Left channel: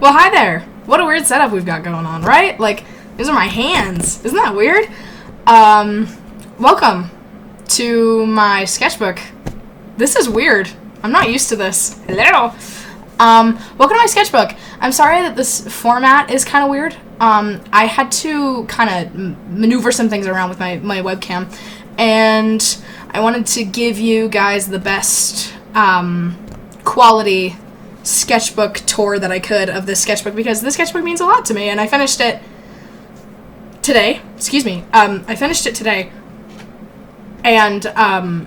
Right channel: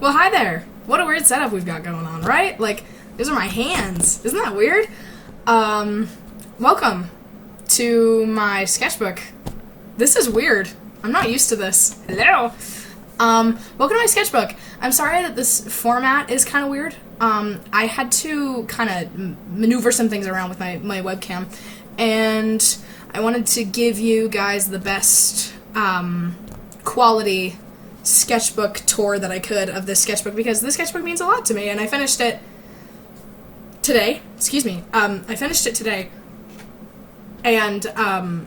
Well, hi there. What a weird setup we've got going on, right? Like, these are my hands. Isn't that weird? Welcome to my sketchbook. This is weird. I'm not used to this. Hello. Welcome to my sketchbook. I'm sorry that this format is kind of weird. I had to kind of maneuver some things around with my webcam, and I wanted to give you guys the best quality sketchbook tour that I could of this sketchbook, because this sketchbook means a lot to me, and I finished it today. I finished it today, and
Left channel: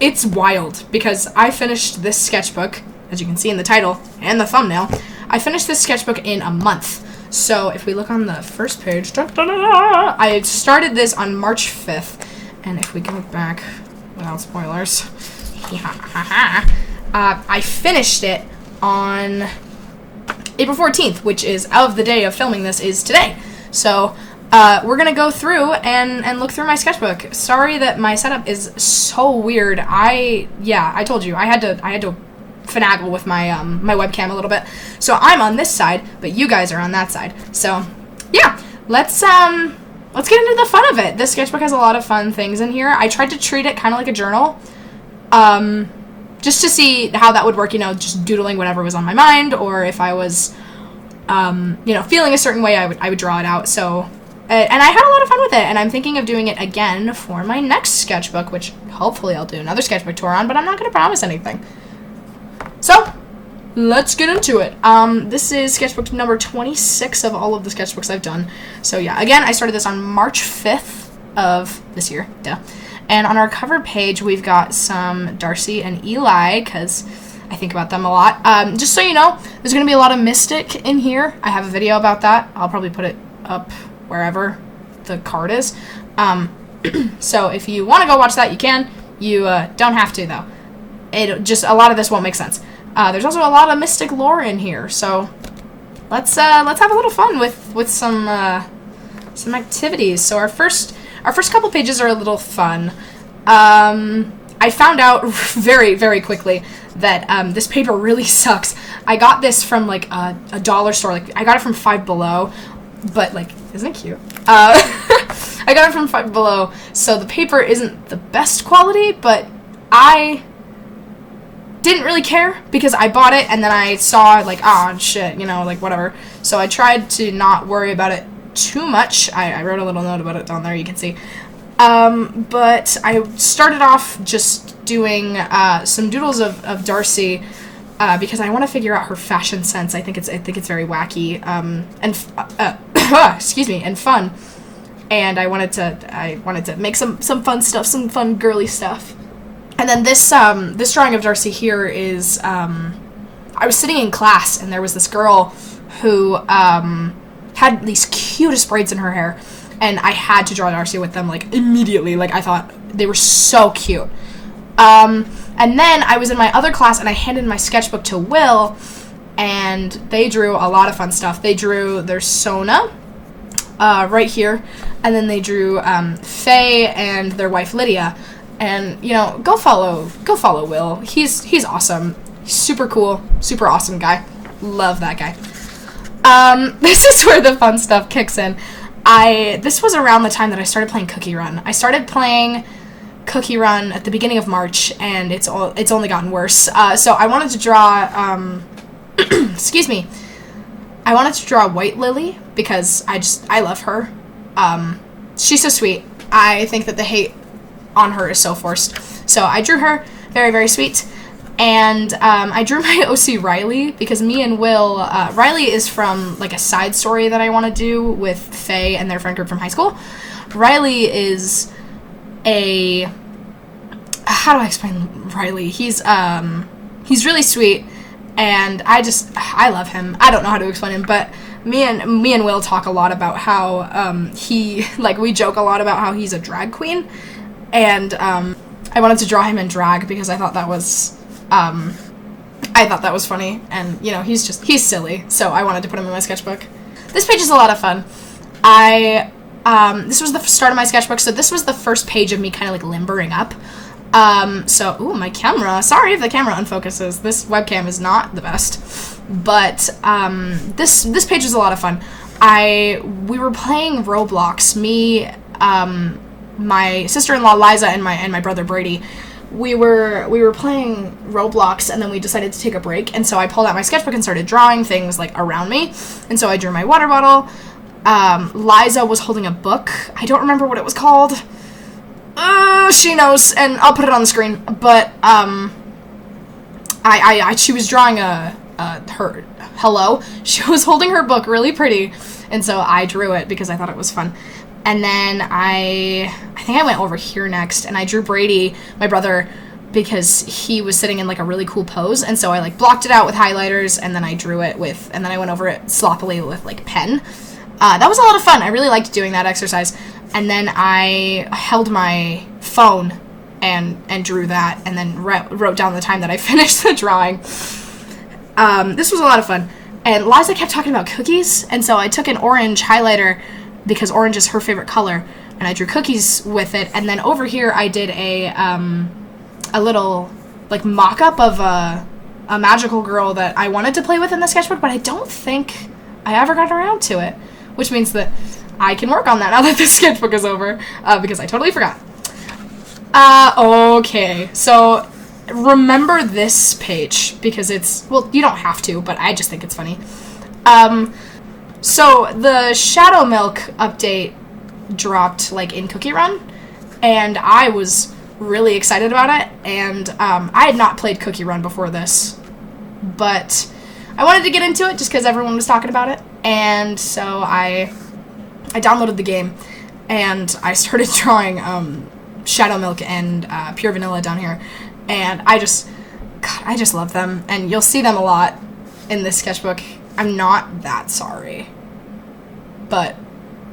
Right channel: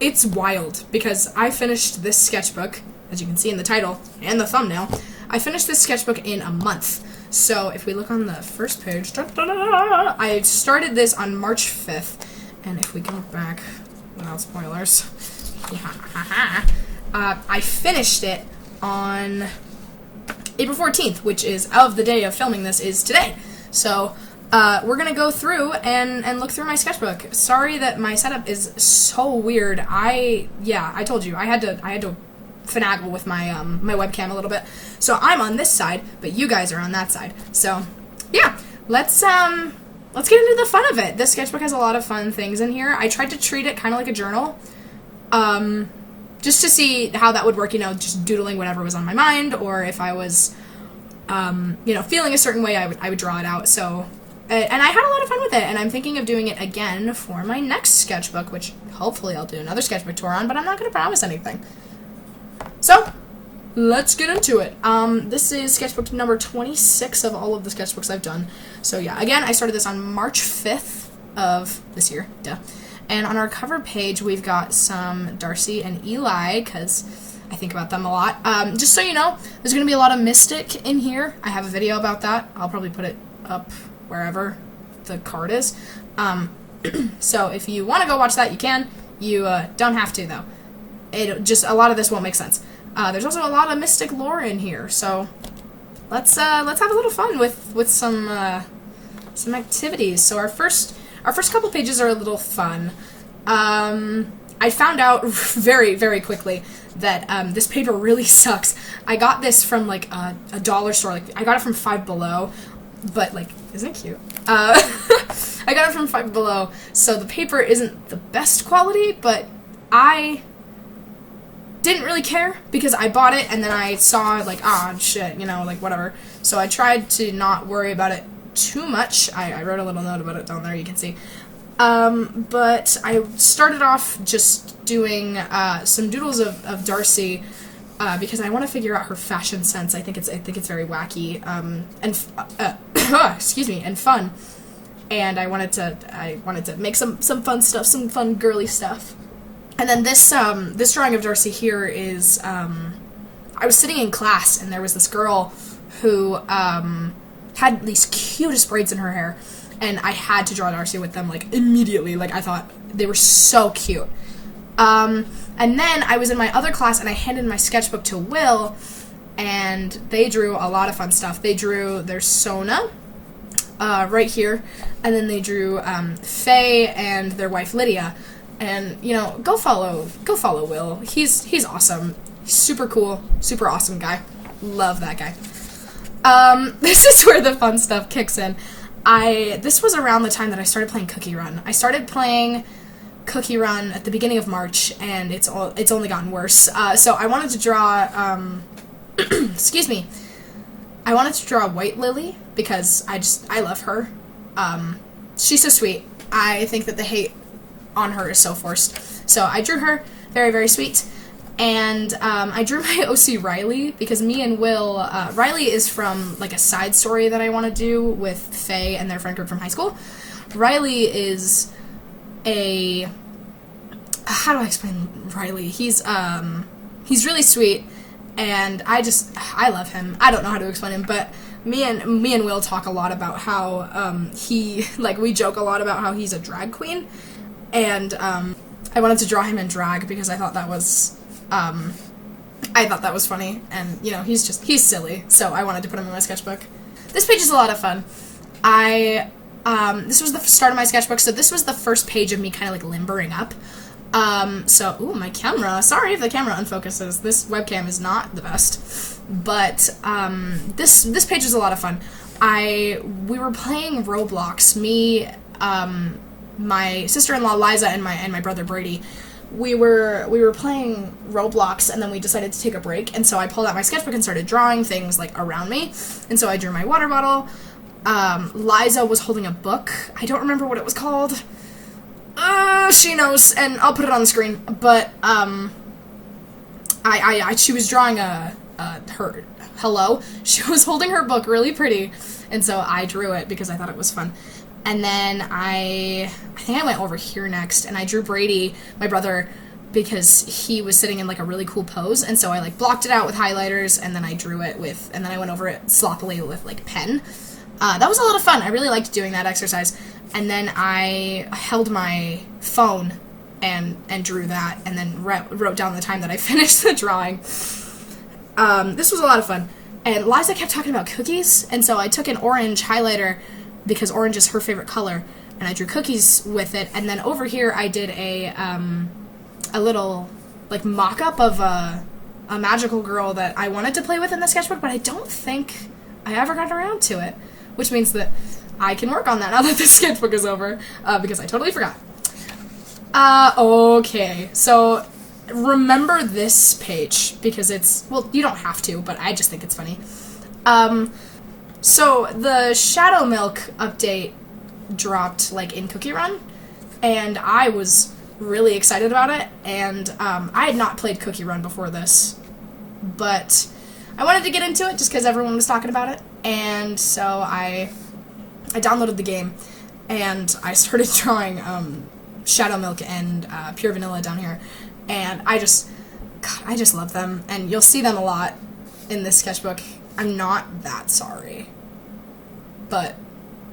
it's wild, because I finished this sketchbook, as you can see in the title and the thumbnail. I finished this sketchbook in a month. So if we look on the first page, I started this on March 5th, and if we go back without spoilers, I finished it on April 14th, which is of the day of filming this is today. So we're gonna go through and look through my sketchbook. Sorry that my setup is so weird. I told you I had to finagle with my my webcam a little bit. So I'm on this side, but you guys are on that side. So yeah, let's get into the fun of it. This sketchbook has a lot of fun things in here. I tried to treat it kind of like a journal, just to see how that would work, just doodling whatever was on my mind, or if I was, feeling a certain way, I would draw it out. So, and I had a lot of fun with it, and I'm thinking of doing it again for my next sketchbook, which hopefully I'll do another sketchbook tour on, but I'm not going to promise anything. So, let's get into it. This is sketchbook number 26 of all of the sketchbooks I've done. So yeah, again, I started this on March 5th of this year, And on our cover page, we've got some Darcy and Eli, because I think about them a lot. Just so you know, there's going to be a lot of Mystic in here. I have a video about that. I'll probably put it up wherever the card is. So if you want to go watch that, you can. You don't have to, though. A lot of this won't make sense. There's also a lot of Mystic lore in here, so let's have a little fun with some activities. So our first couple pages are a little fun. I found out very, very quickly that this paper really sucks. I got this from like a dollar store. Like, I got it from Five Below, but like, isn't it cute? I got it from Five Below, so the paper isn't the best quality, but I didn't really care, because I bought it and then I saw like, shit, like whatever. So I tried to not worry about it too much. I wrote a little note about it down there, you can see. But I started off just doing some doodles of Darcy, because I want to figure out her fashion sense. I think it's very wacky, and fun. And I wanted to make some fun stuff, some fun girly stuff. And then this drawing of Darcy here is, I was sitting in class, and there was this girl who had these cutest braids in her hair, and I had to draw Darcy with them, like, immediately. Like, I thought they were so cute. And then I was in my other class, and I handed my sketchbook to Will, and they drew a lot of fun stuff. They drew their Sona, right here, and then they drew Faye and their wife Lydia. And, go follow Will. He's awesome. He's super cool, super awesome guy. Love that guy. This is where the fun stuff kicks in. This was around the time that I started playing Cookie Run. I started playing Cookie Run at the beginning of March, and it's only gotten worse. So I wanted to draw, excuse me. I wanted to draw White Lily, because I love her. She's so sweet. I think that the hate on her is so forced. So I drew her, very, very sweet. And I drew my OC Riley, because me and Will, Riley is from like a side story that I want to do with Faye and their friend group from high school. Riley is how do I explain Riley? He's really sweet, and I love him. I don't know how to explain him, but me and Will talk a lot about how we joke a lot about how he's a drag queen. And I wanted to draw him in drag, because I thought that was funny, and he's silly, so I wanted to put him in my sketchbook. This page is a lot of fun. This was the start of my sketchbook, so this was the first page of me kind of like limbering up. Ooh, my camera. Sorry if the camera unfocuses. This webcam is not the best. But this page was a lot of fun. We were playing Roblox. Me, my sister-in-law Liza, and my brother Brady. We were playing Roblox, and then we decided to take a break. And so I pulled out my sketchbook and started drawing things like around me. And so I drew my water bottle. Liza was holding a book. I don't remember what it was called. She knows, and I'll put it on the screen. But she was drawing her hello. She was holding her book really pretty, and so I drew it because I thought it was fun. And then I think I went over here next, and I drew Brady, my brother, because he was sitting in like a really cool pose, and so I like blocked it out with highlighters, and then I drew it and then I went over it sloppily with like pen. That was a lot of fun. I really liked doing that exercise. And then I held my phone and drew that, and then wrote down the time that I finished the drawing. This was a lot of fun. And Liza kept talking about cookies, and so I took an orange highlighter because orange is her favorite color, and I drew cookies with it. And then over here I did a little like mock-up of a magical girl that I wanted to play with in the sketchbook, but I don't think I ever got around to it, which means that I can work on that now that the sketchbook is over, because I totally forgot. Okay, so remember this page, because it's, well, you don't have to, but I just think it's funny. So the Shadow Milk update dropped, like, in Cookie Run, and I was really excited about it, and I had not played Cookie Run before this, but I wanted to get into it just because everyone was talking about it, and so I downloaded the game, and I started drawing Shadow Milk and Pure Vanilla down here, and I just love them, and you'll see them a lot in this sketchbook. I'm not that sorry, but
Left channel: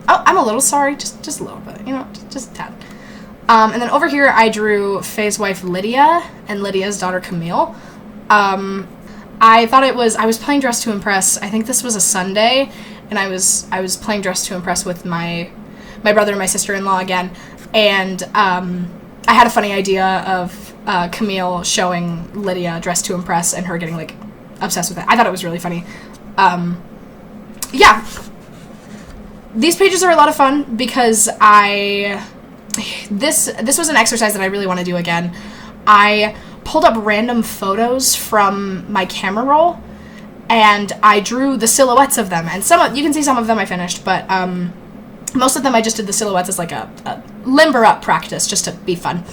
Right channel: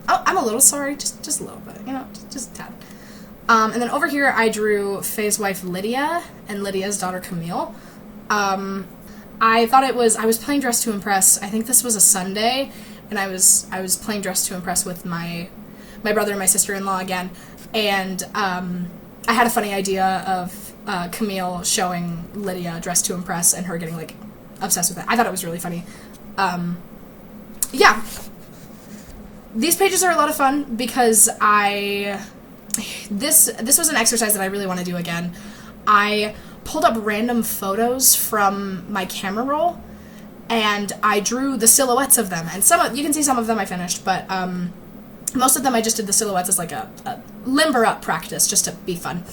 I'm a little sorry, just a little bit, you know, just a tad. And then over here I drew Faye's wife Lydia and Lydia's daughter Camille. I thought I was playing Dress to Impress. I think this was a Sunday, and I was playing Dress to Impress with my brother and my sister-in-law again, and I had a funny idea of Camille showing Lydia Dress to Impress and her getting like obsessed with it. I thought it was really funny. Yeah, these pages are a lot of fun because this was an exercise that I really want to do again. I pulled up random photos from my camera roll, and I drew the silhouettes of them, and you can see some of them I finished, but most of them I just did the silhouettes as like a limber up practice, just to be fun.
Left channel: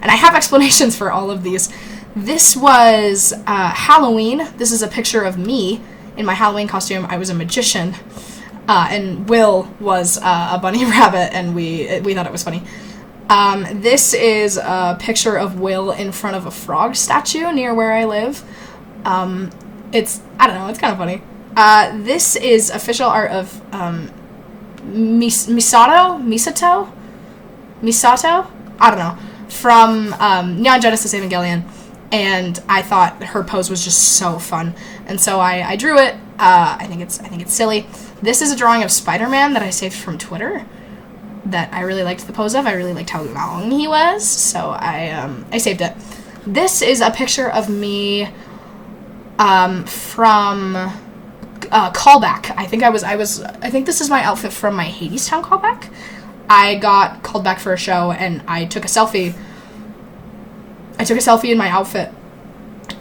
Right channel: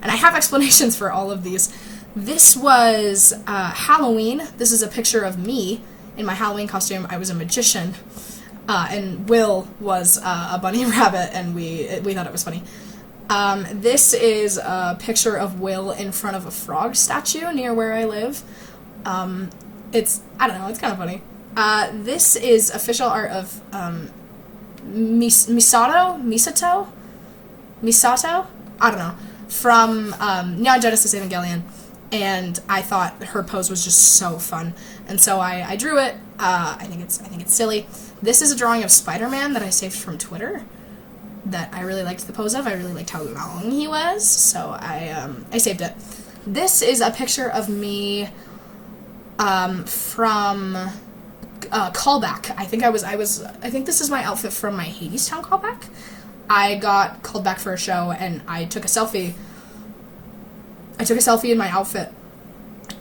And I have explanations for all of these. This was Halloween. This is a picture of me in my Halloween costume. I was a magician, and Will was a bunny rabbit, and we thought it was funny. This is a picture of Will in front of a frog statue near where I live. It's, I don't know, it's kind of funny. This is official art of Misato? I don't know. From Neon Genesis Evangelion. And I thought her pose was just so fun. And so I drew it. I think it's silly. This is a drawing of Spider-Man that I saved from Twitter that I really liked the pose of. I really liked how long he was, so I saved it. This is a picture of me from callback. I think this is my outfit from my Hadestown callback. I got called back for a show, and I took a selfie. In my outfit,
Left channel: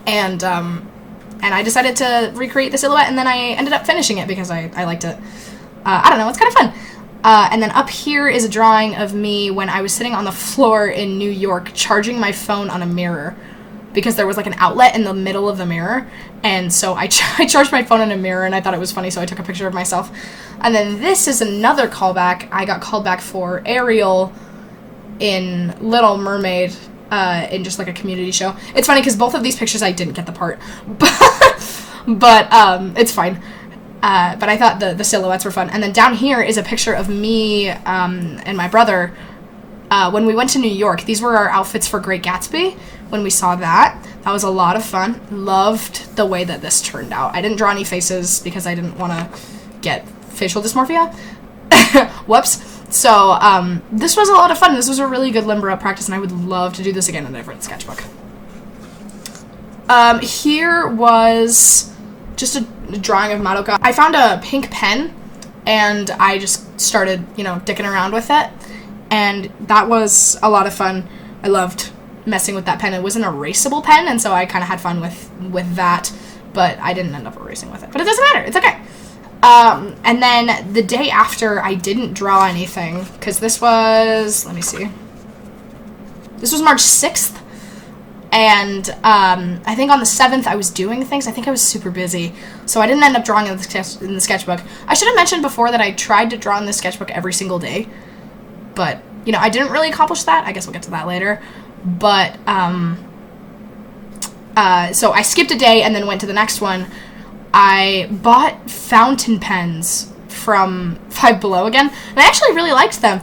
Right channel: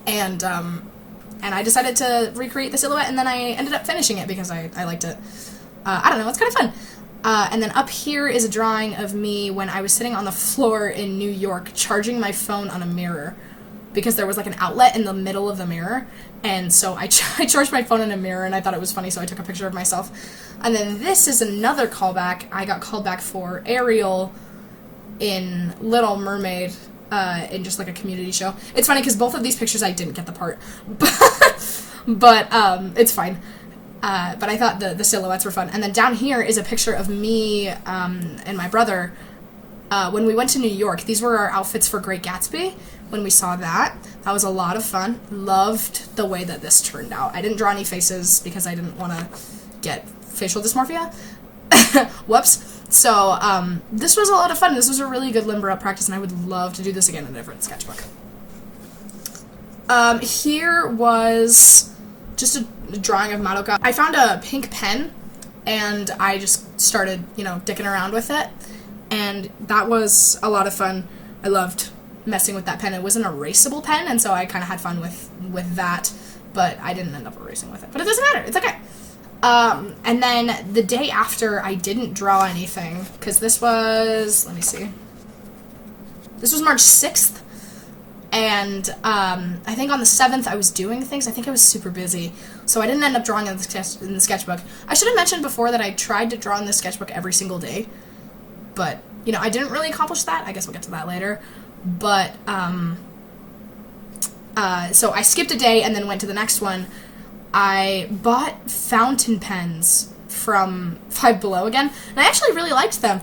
and I decided to recreate the silhouette, and then I ended up finishing it because I liked it. I don't know, it's kind of fun. And then up here is a drawing of me when I was sitting on the floor in New York charging my phone on a mirror, because there was like an outlet in the middle of the mirror, and so I charged my phone in a mirror, and I thought it was funny, so I took a picture of myself. And then this is another callback. I got called back for Ariel in Little Mermaid, in just like a community show. It's funny because both of these pictures I didn't get the part, but it's fine. But I thought the silhouettes were fun. And then down here is a picture of me and my brother when we went to New York. These were our outfits for Great Gatsby. When we saw that was a lot of fun. Loved the way that this turned out. I didn't draw any faces because I didn't want to get facial dysmorphia. Whoops. So this was a lot of fun. This was a really good limber up practice, and I would love to do this again in a different sketchbook. Here was just a drawing of Madoka. I found a pink pen, and I just started, dicking around with it, and that was a lot of fun. I loved messing with that pen. It was an erasable pen, and so I kind of had fun with that, but I didn't end up erasing with it. But it doesn't matter. It's okay. And then the day after, I didn't draw anything, because this was, let me see. This was March 6th, and I think on the 7th I was doing things. I think I was super busy, so I didn't end up drawing in the sketchbook. I should have mentioned before that I tried to draw in the sketchbook every single day, but, I didn't really accomplish that. I guess we'll get to that later. But, so I skipped a day and then went to the next one. I bought fountain pens from Five Below again, and I actually really liked them.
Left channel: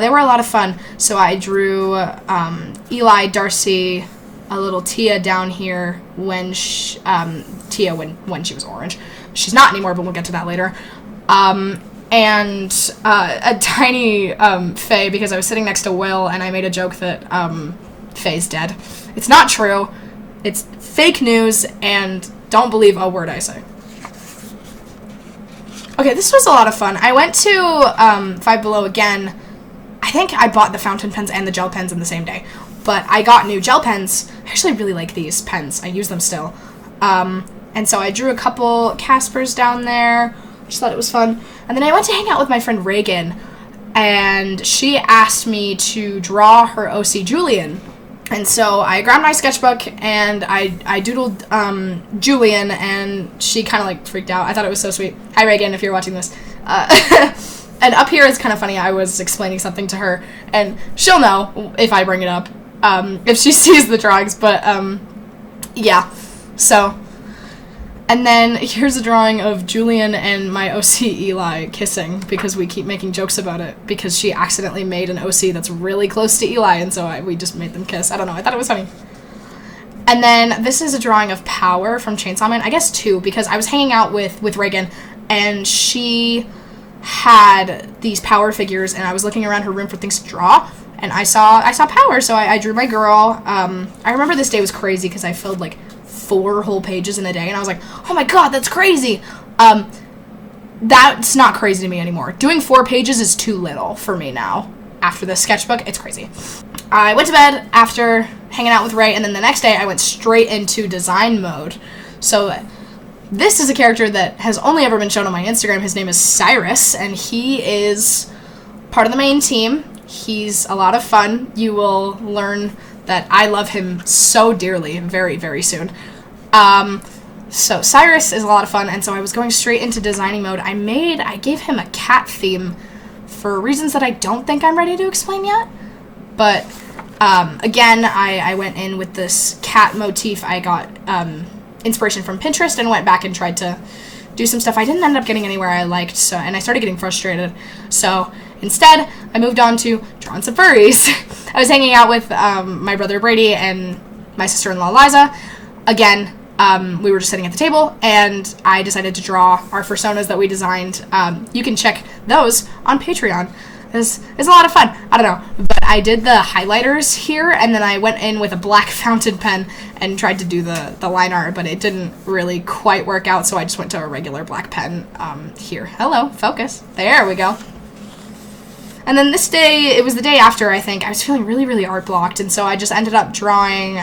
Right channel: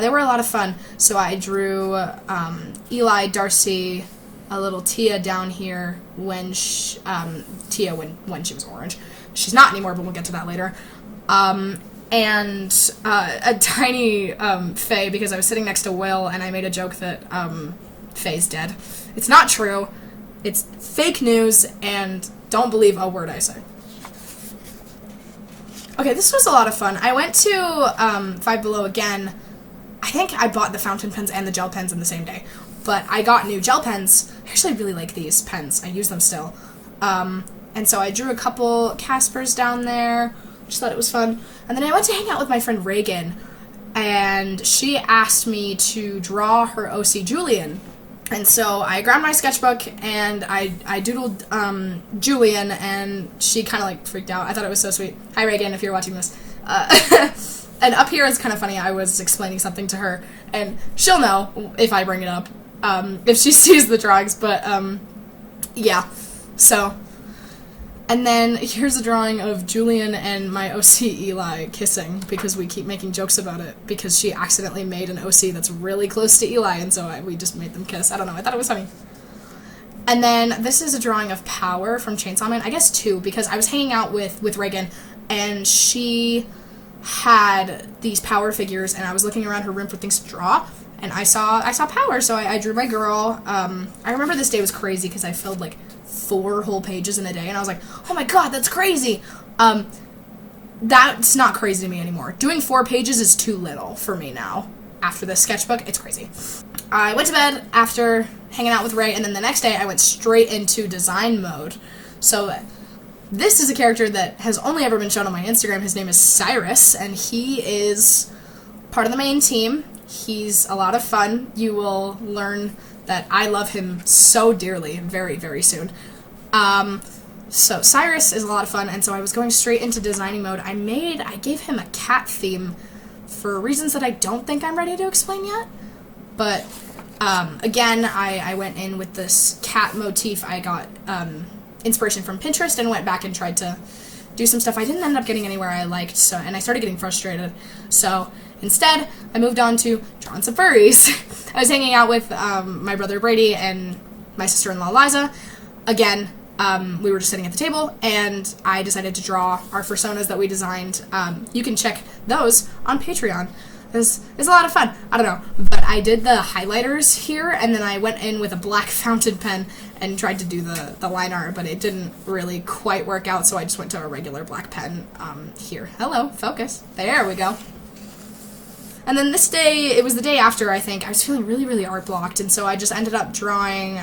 They were a lot of fun. So I drew Eli, Darcy, a little Tia down here when Tia when she was orange. She's not anymore, but we'll get to that later. And a tiny Faye, because I was sitting next to Will, and I made a joke that Faye's dead. It's not true. It's fake news, and don't believe a word I say. Okay, this was a lot of fun. I went to Five Below again. I think I bought the fountain pens and the gel pens in the same day, but I got new gel pens. I actually really like these pens. I use them still. And so I drew a couple Caspers down there. Just thought it was fun. And then I went to hang out with my friend Reagan, and she asked me to draw her OC Julian. And so I grabbed my sketchbook and I doodled Julian, and she kind of like freaked out. I thought it was so sweet. Hi Reagan, if you're watching this. And up here is kind of funny. I was explaining something to her, and she'll know if I bring it up, if she sees the drawings. But yeah. So, and then here's a drawing of Julian and my OC Eli kissing, because we keep making jokes about it, because she accidentally made an OC that's really close to Eli, and so we just made them kiss. I don't know, I thought it was funny. And then this is a drawing of Power from Chainsaw Man. I guess two, because I was hanging out with Reagan, and she had these Power figures, and I was looking around her room for things to draw, and I saw Power, so I drew my girl. I remember this day was crazy, because I filled like 4 whole pages in a day, and I was like, oh my god, that's crazy. That's not crazy to me anymore. Doing 4 pages is too little for me now. After the sketchbook, it's crazy. I went to bed after hanging out with Ray, and then the next day I went straight into design mode. So this is a character that has only ever been shown on my Instagram. His name is Cyrus, and he is part of the main team. He's a lot of fun. You will learn that I love him so dearly very, very soon. So Cyrus is a lot of fun, and so I was going straight into designing mode. I gave him a cat theme for reasons that I don't think I'm ready to explain yet. But again, I went in with this cat motif. I got inspiration from Pinterest and went back and tried to do some stuff. I didn't end up getting anywhere I liked, and I started getting frustrated. So instead, I moved on to drawing some furries. I was hanging out with my brother Brady and my sister-in-law Liza. Again, we were just sitting at the table, and I decided to draw our personas that we designed. You can check those on Patreon. It's a lot of fun. I don't know, but I did the highlighters here, and then I went in with a black fountain pen and tried to do the line art, but it didn't really quite work out, so I just went to a regular black pen here. Hello, focus. There we go. And then this day, it was the day after, I think, I was feeling really, really art blocked, and so I just ended up drawing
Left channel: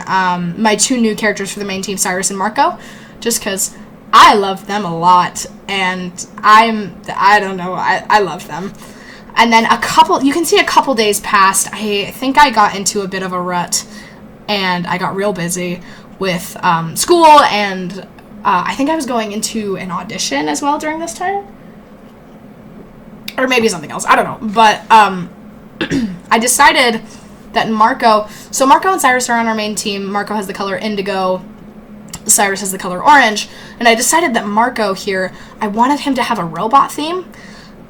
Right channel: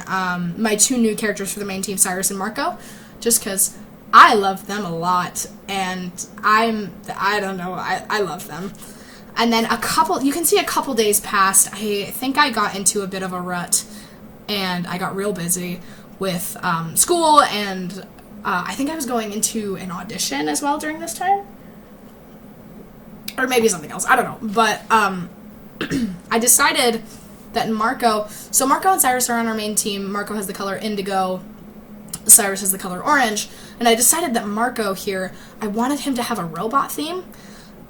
my 2 new characters for the main team, Cyrus and Marco, just because I love them a lot, and I don't know, I love them. And then you can see a couple days passed. I think I got into a bit of a rut, and I got real busy with school, and I think I was going into an audition as well during this time. Or maybe something else, I don't know. But I decided that Marco and Cyrus are on our main team. Marco has the color indigo, Cyrus has the color orange, and I decided that Marco here, I wanted him to have a robot theme.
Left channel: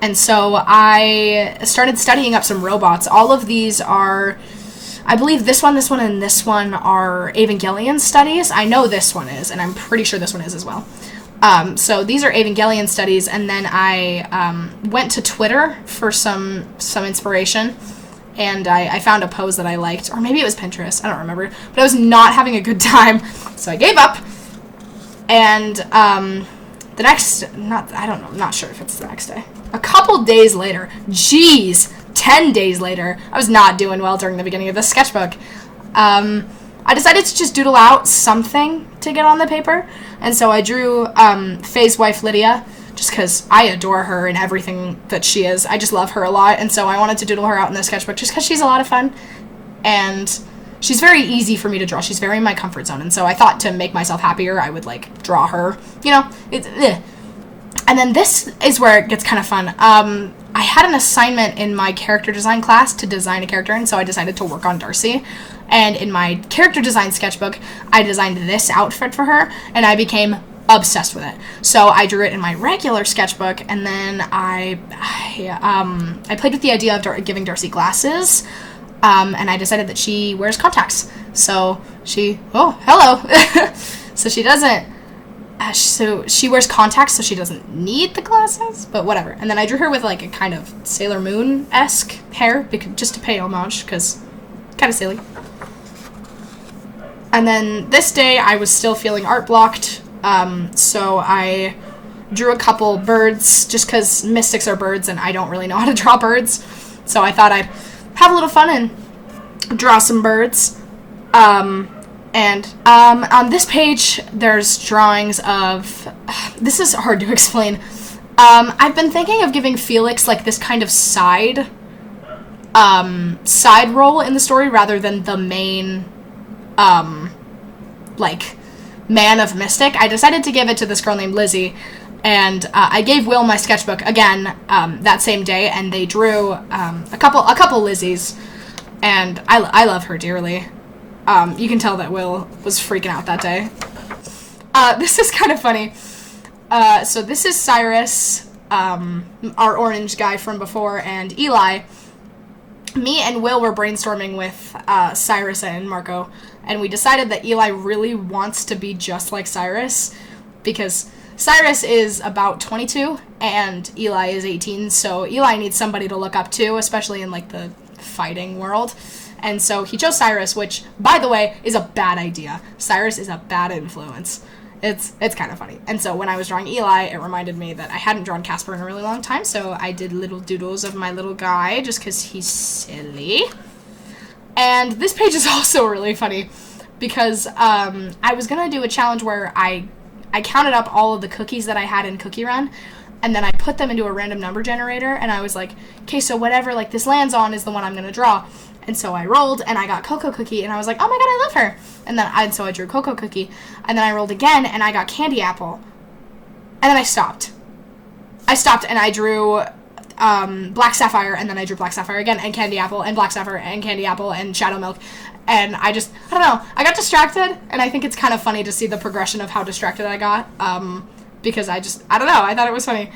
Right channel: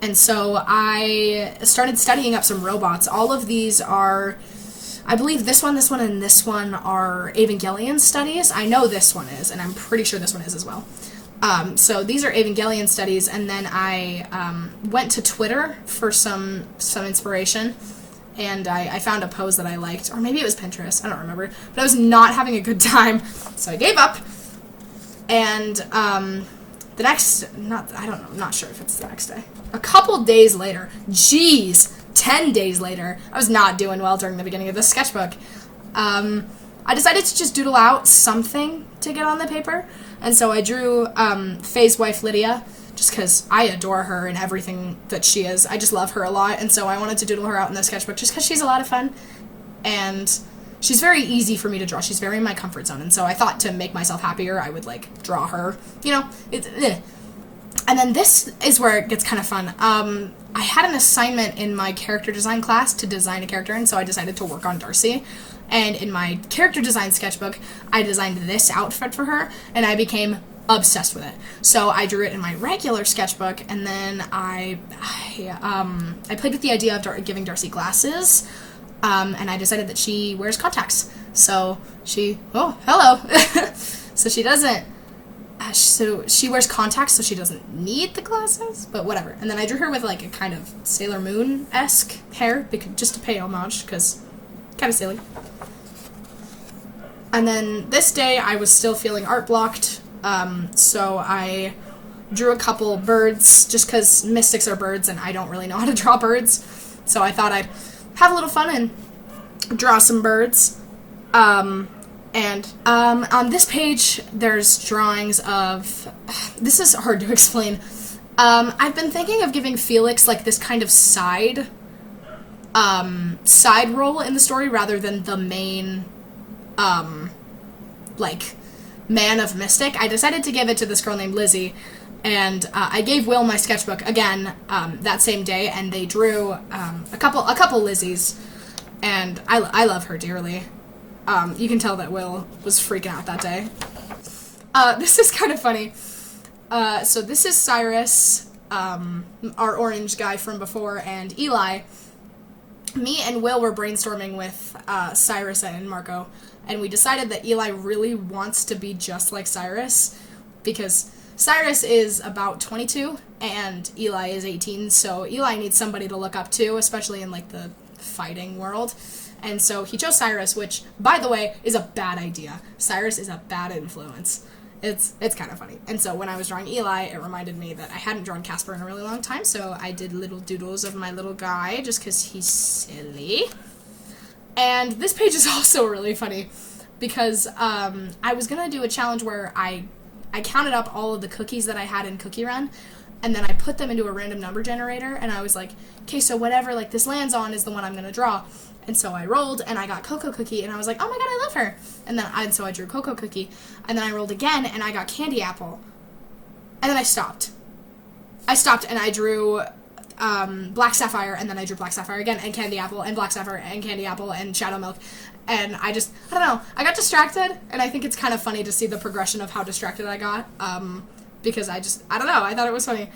And so I started studying up some robots. All of these are, I believe this one, and this one are Evangelion studies. I know this one is, and I'm pretty sure this one is as well. So these are Evangelion studies, and then I went to Twitter for some inspiration, and I found a pose that I liked, or maybe it was Pinterest, I don't remember, but I was not having a good time, so I gave up, And the next, I don't know, I'm not sure if it's the next day. A couple days later, 10 days later, I was not doing well during the beginning of this sketchbook. I decided to just doodle out something to get on the paper. And so I drew Faye's wife, Lydia, just because I adore her and everything that she is. I just love her a lot. And so I wanted to doodle her out in the sketchbook just because she's a lot of fun. And she's very easy for me to draw. She's very in my comfort zone. And so I thought to make myself happier, I would, like, draw her. You know, And then this is where it gets kind of fun. I had an assignment in my character design class to design a character, and so I decided to work on Darcy. And in my character design sketchbook, I designed this outfit for her, and I became obsessed with it. So I drew it in my regular sketchbook, and then I played with the idea of giving Darcy glasses, and I decided that she wears contacts. So hello. So she doesn't. So she wears contacts, so she doesn't need the glasses, but whatever. And then I drew her with, like, a kind of Sailor Moon-esque hair, just to pay homage, because kind of silly. And then this day, I was still feeling art blocked, so I drew a couple birds, just because mystics are birds, and I don't really know how to draw birds. So I thought I'd have a little fun and draw some birds. And on this page, there's drawings of... This is hard to explain. I've been thinking of giving Felix, like, this kind of side role in the story rather than the main, like, man of Mystic. I decided to give it to this girl named Lizzie, and I gave Will my sketchbook again that same day, and they drew a couple Lizzies, and I love her dearly. You can tell that Will was freaking out that day. This is kind of funny. So this is Cyrus, our orange guy from before, and Eli. Me and Will were brainstorming with Cyrus and Marco, and we decided that Eli really wants to be just like Cyrus, because Cyrus is about 22, and Eli is 18, so Eli needs somebody to look up to, especially in, like, the fighting world. And so he chose Cyrus, which, by the way, is a bad idea. Cyrus is a bad influence. It's kind of funny. And so when I was drawing Eli, it reminded me that I hadn't drawn Casper in a really long time, so I did little doodles of my little guy just because he's silly. And this page is also really funny because I was going to do a challenge where I counted up all of the cookies that I had in Cookie Run, and then I put them into a random number generator, and I was like, okay, so whatever, like, this lands on is the one I'm going to draw. And so I rolled, and I got Cocoa Cookie, and I was like, oh my god, I love her. And so I drew Cocoa Cookie, and then I rolled again, and I got Candy Apple. And then I stopped. And I drew Black Sapphire, and then I drew Black Sapphire again, and Candy Apple, and Black Sapphire, and Candy Apple, and Shadow Milk. And I don't know, I got distracted, and I think it's kind of funny to see the progression of how distracted I got, because I don't know, I thought it was funny.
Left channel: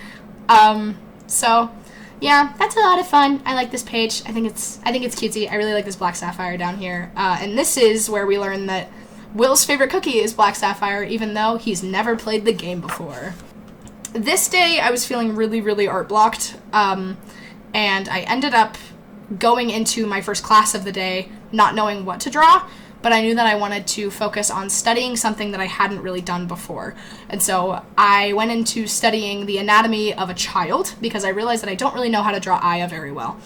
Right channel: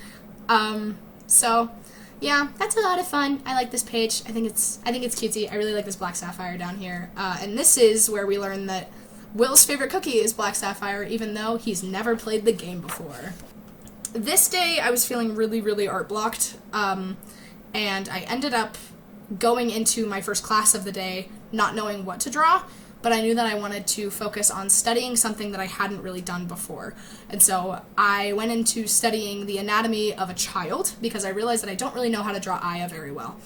So... yeah, that's a lot of fun. I like this page. I think it's cutesy. I really like this Black Sapphire down here. And this is where we learn that Will's favorite cookie is Black Sapphire, even though he's never played the game before. This day, I was feeling really, really art blocked. And I ended up going into my first class of the day not knowing what to draw, but I knew that I wanted to focus on studying something that I hadn't really done before. And so I went into studying the anatomy of a child because I realized that I don't really know how to draw Aya very well.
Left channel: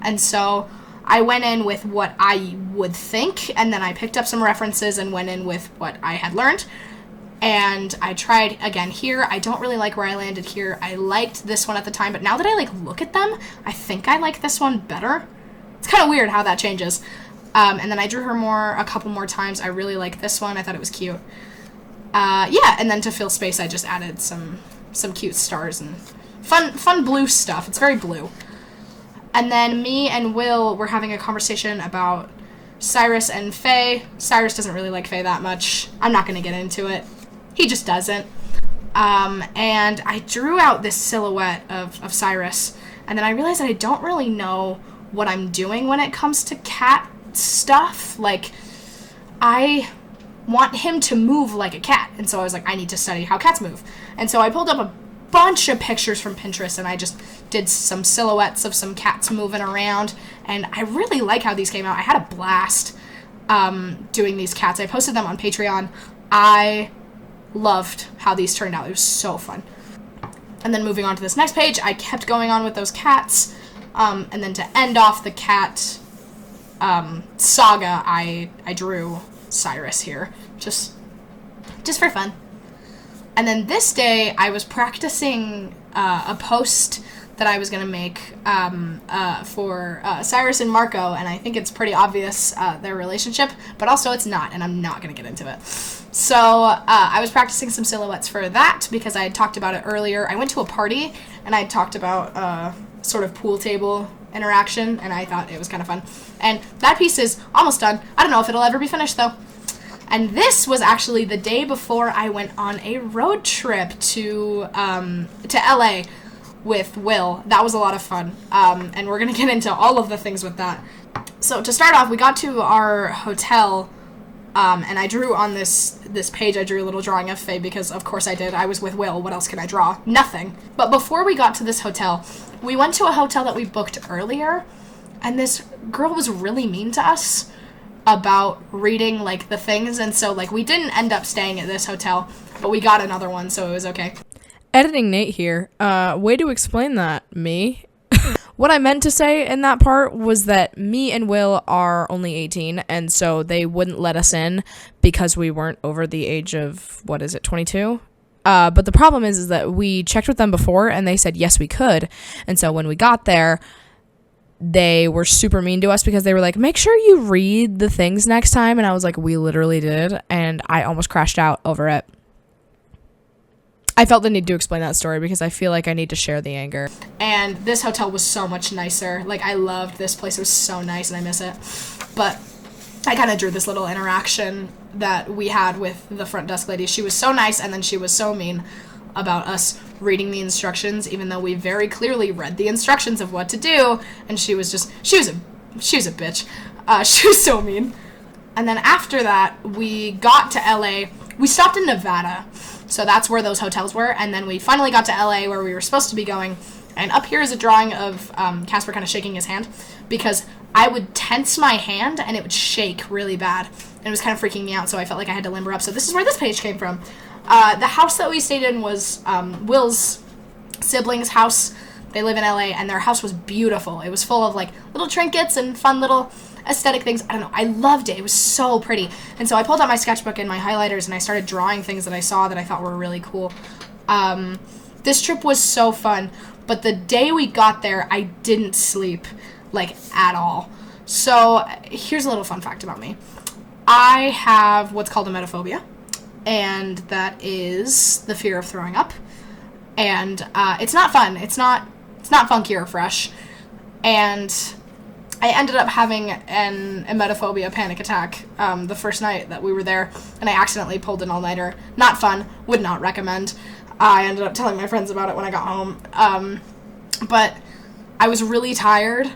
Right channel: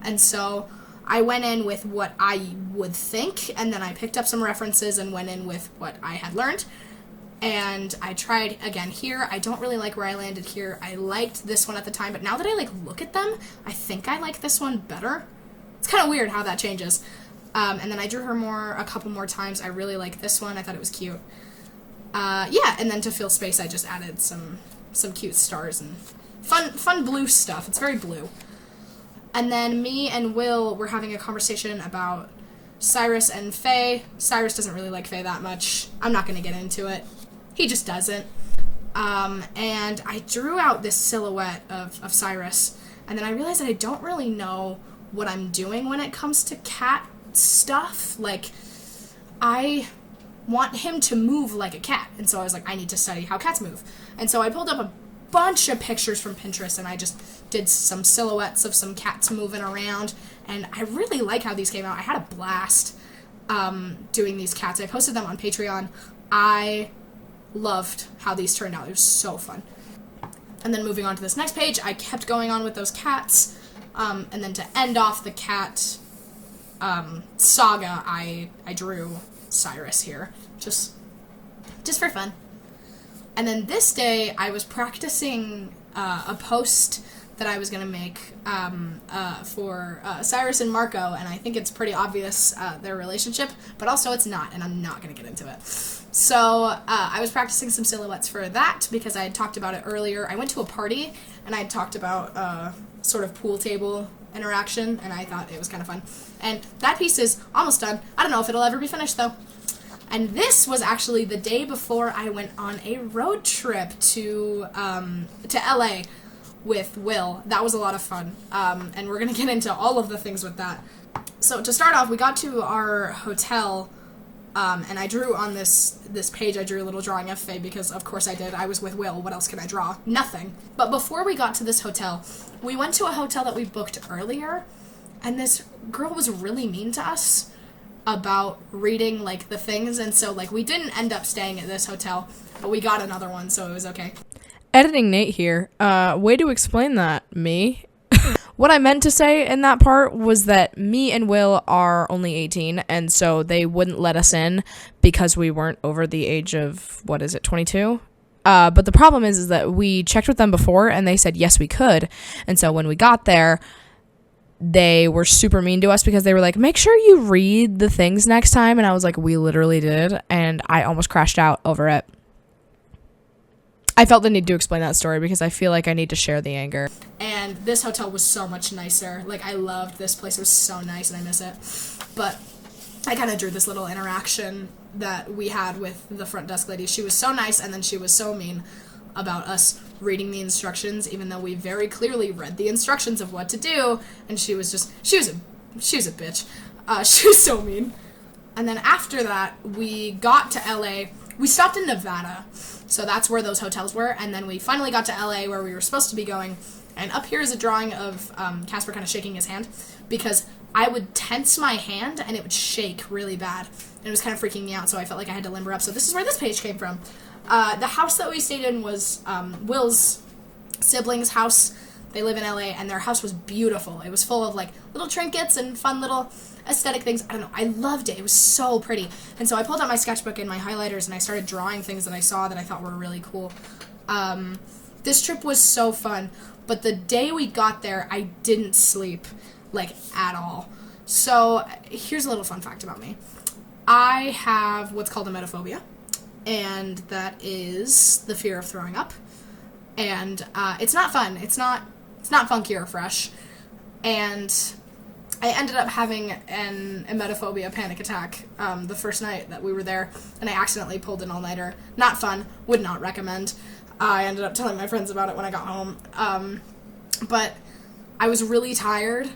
And so I went in with what I would think, and then I picked up some references and went in with what I had learned. And I tried again here. I don't really like where I landed here. I liked this one at the time, but now that I look at them, I think I like this one better. It's kind of weird how that changes. And then I drew her a couple more times. I really like this one. I thought it was cute. Yeah, and then to fill space, I just added some cute stars and fun blue stuff. It's very blue. And then me and Will were having a conversation about Cyrus and Faye. Cyrus doesn't really like Faye that much. I'm not going to get into it. He just doesn't. And I drew out this silhouette of Cyrus, and then I realized that I don't really know what I'm doing when it comes to cat stuff. Like, I want him to move like a cat, and so I was like, I need to study how cats move. And so I pulled up a bunch of pictures from Pinterest, and I just did some silhouettes of some cats moving around, and I really like how these came out. I had a blast doing these cats. I posted them on Patreon. I loved how these turned out. It was so fun. And then moving on to this next page, I kept going on with those cats. And then to end off the cat saga, I drew Cyrus here, just for fun. And then this day, I was practicing a post that I was going to make for Cyrus and Marco, and I think it's pretty obvious their relationship, but also it's not, and I'm not going to get into it. So I was practicing some silhouettes for that because I had talked about it earlier. I went to a party, and I had talked about sort of pool table interaction, and I thought it was kind of fun. And that piece is almost done. I don't know if it'll ever be finished, though. And this was actually the day before I went on a road trip to LA with Will. That was a lot of fun. And we're going to get into all of the things with that. So to start off, we got to our hotel, and I drew on this page, I drew a little drawing of Faye because, of course, I did. I was with Will. What else can I draw? Nothing. But before we got to this hotel, we went to a hotel that we booked earlier, and this girl was really mean to us about reading, like, the things, and so, like, we didn't end up staying at this hotel, but we got another one, so it was okay. Editing Nate here. Way to explain that, me. What I meant to say in that part was that me and Will are only 18, and so they wouldn't let us in because we weren't over the age of, 22? But the problem is that we checked with them before, and they said yes, we could, and so when we got there, they were super mean to us because they were like, make sure you read the things next time, and I was like, we literally did, and I almost crashed out over it. I felt the need to explain that story because I feel like I need to share the anger. And this hotel was so much nicer. Like, I loved this place. It was so nice, and I miss it. But I kind of drew this little interaction that we had with the front desk lady. She was so nice, and then she was so mean about us reading the instructions, even though we very clearly read the instructions of what to do. And she was a bitch. She was so mean. And then after that, we got to LA. We stopped in Nevada. So that's where those hotels were, and then we finally got to LA where we were supposed to be going, and up here is a drawing of Casper kind of shaking his hand, because I would tense my hand, and it would shake really bad, and it was kind of freaking me out, so I felt like I had to limber up, so this is where this page came from. The house that we stayed in was Will's siblings' house. They live in LA, and their house was beautiful. It was full of, like, little trinkets and fun little aesthetic things. I don't know. I loved it. It was so pretty. And so I pulled out my sketchbook and my highlighters, and I started drawing things that I saw that I thought were really cool. This trip was so fun, but the day we got there, I didn't sleep, like, at all. So here's a little fun fact about me. I have what's called emetophobia, and that is the fear of throwing up. And it's not fun. It's not funky or fresh. And I ended up having an emetophobia panic attack the first night that we were there, and I accidentally pulled an all-nighter. Not fun. Would not recommend. I ended up telling my friends about it when I got home. But I was really tired.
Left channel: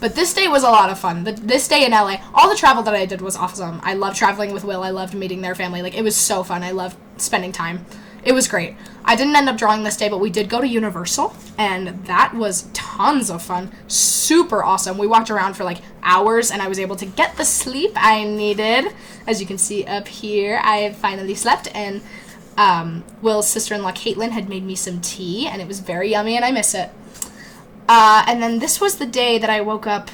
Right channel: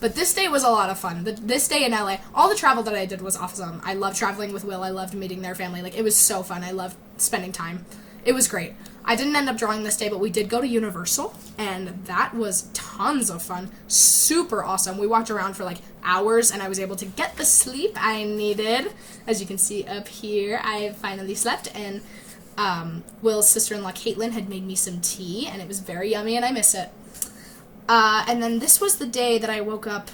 But this day was a lot of fun. This day in LA, all the travel that I did was awesome. I loved traveling with Will. I loved meeting their family. Like, it was so fun. I loved spending time. It was great. I didn't end up drawing this day, but we did go to Universal, and that was tons of fun. Super awesome. We walked around for, like, hours, and I was able to get the sleep I needed. As you can see up here, I finally slept, and Will's sister-in-law, Caitlin, had made me some tea, and it was very yummy, and I miss it. And then this was the day that I woke up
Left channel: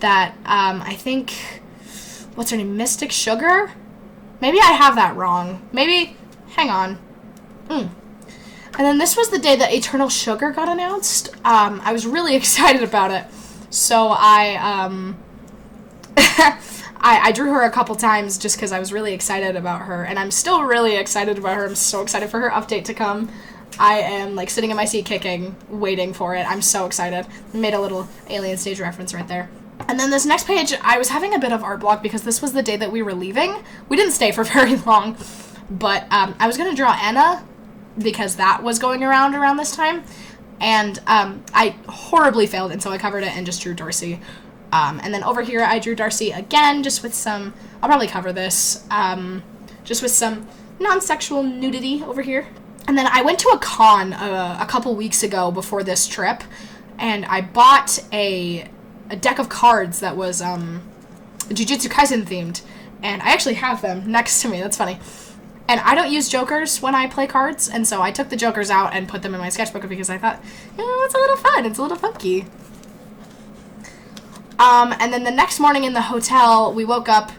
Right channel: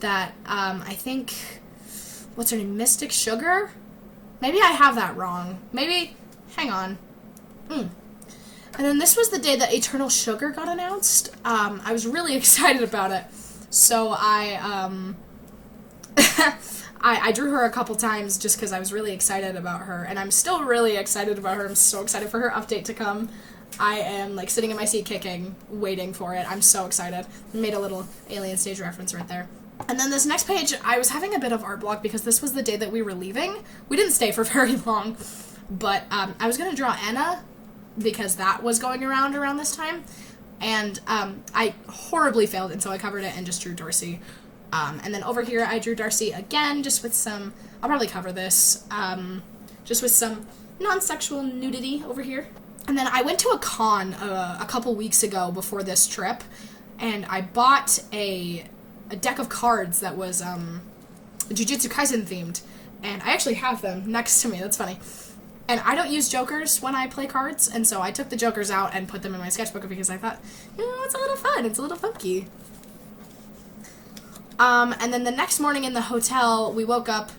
that, I think, what's her name, Mystic Sugar? Maybe I have that wrong. Maybe, hang on. And then this was the day that Eternal Sugar got announced. I was really excited about it. So I drew her a couple times just because I was really excited about her. And I'm still really excited about her. I'm so excited for her update to come. I am, like, sitting in my seat kicking, waiting for it. I'm so excited. Made a little Alien Stage reference right there. And then this next page, I was having a bit of art block because this was the day that we were leaving. We didn't stay for very long. But I was going to draw Anna because that was going around this time, and I horribly failed, and so I covered it and just drew Darcy. And then over here I drew Darcy again, just with some, I'll probably cover this, just with some non-sexual nudity over here. And then I went to a con a couple weeks ago before this trip, and I bought a deck of cards that was Jujutsu Kaisen themed, and I actually have them next to me. That's funny. And I don't use jokers when I play cards, and so I took the jokers out and put them in my sketchbook because I thought, it's a little fun, it's a little funky. And then the next morning in the hotel, we woke up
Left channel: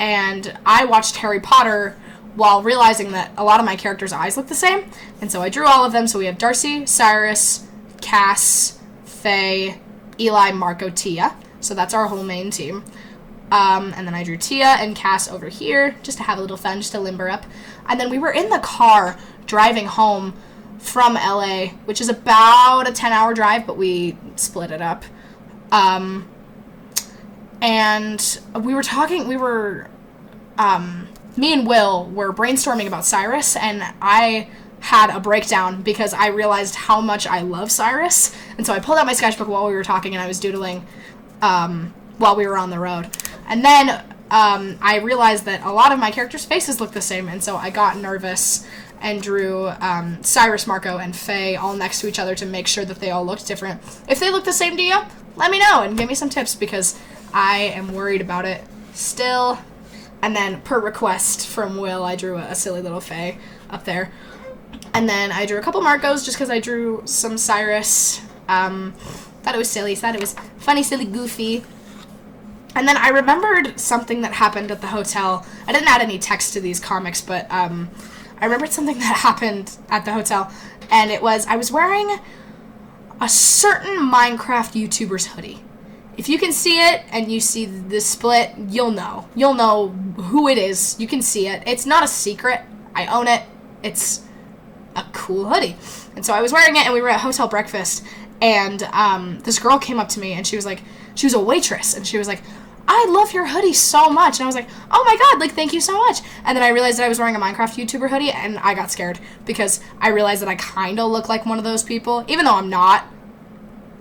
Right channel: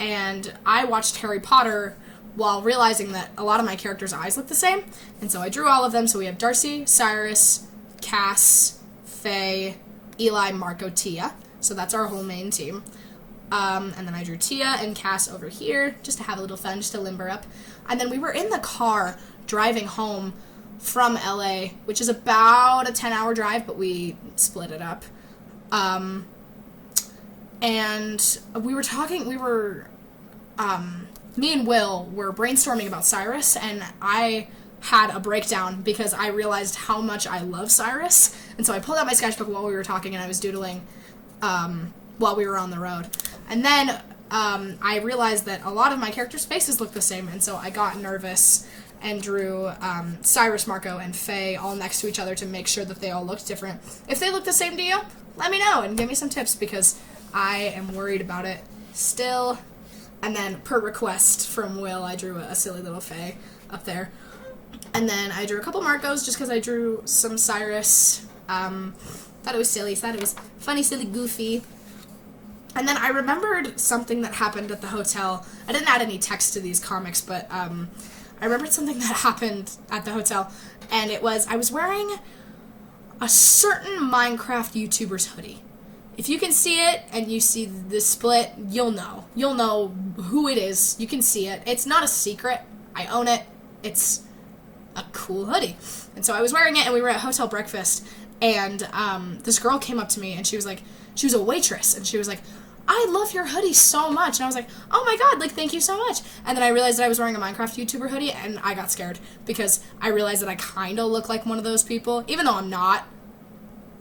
and I watched Harry Potter while realizing that a lot of my characters' eyes look the same. And so I drew all of them. So we have Darcy, Cyrus, Cass, Faye, Eli, Marco, Tia. So that's our whole main team. And then I drew Tia and Cass over here just to have a little fun, just to limber up. And then we were in the car driving home from LA, which is about a 10-hour drive, but we split it up. And we were talking, me and Will were brainstorming about Cyrus, and I had a breakdown because I realized how much I love Cyrus. And so I pulled out my sketchbook while we were talking, and I was doodling while we were on the road. And then I realized that a lot of my characters' faces look the same, and so I got nervous and drew Cyrus, Marco, and Faye all next to each other to make sure that they all looked different. If they look the same to you, let me know and give me some tips, because I am worried about it still. And then, per request from Will, I drew a silly little Faye up there. And then I drew a couple Marcos just because I drew some Cyrus. Thought it was silly, thought it was funny, silly, goofy. And then I remembered something that happened at the hotel. I didn't add any text to these comics, but I remembered something that happened at the hotel. And it was, I was wearing a certain Minecraft YouTuber's hoodie. If you can see it and you see the split, you'll know. You'll know who it is. You can see it. It's not a secret. I own it. It's a cool hoodie. And so I was wearing it, and we were at hotel breakfast, and this girl came up to me, and she was a waitress, and she was like, I love your hoodie so much. And I was like, oh my god, like, thank you so much. And then I realized that I was wearing a Minecraft YouTuber hoodie, and I got scared because I realized that I kind of look like one of those people, even though I'm not.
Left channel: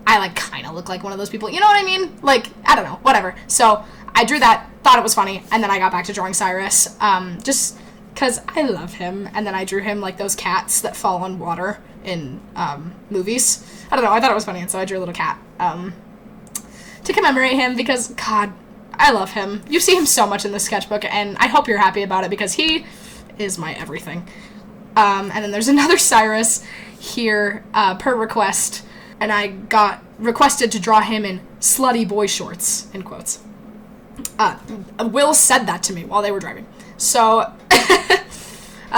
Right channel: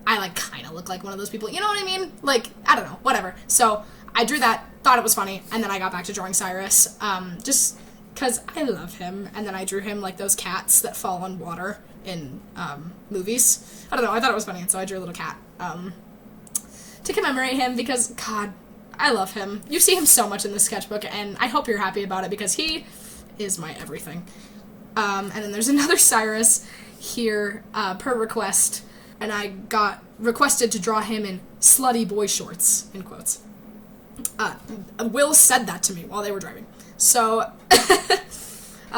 I, like, kind of look like one of those people. You know what I mean? Like, I don't know. Whatever. So I drew that, thought it was funny, and then I got back to drawing Cyrus, just because I love him. And then I drew him like those cats that fall on water in movies. I don't know. I thought it was funny, and so I drew a little cat to commemorate him because, God, I love him. You see him so much in this sketchbook, and I hope you're happy about it because he is my everything. And then there's another Cyrus here per request. And I got requested to draw him in slutty boy shorts, in quotes. Will said that to me while they were driving. So,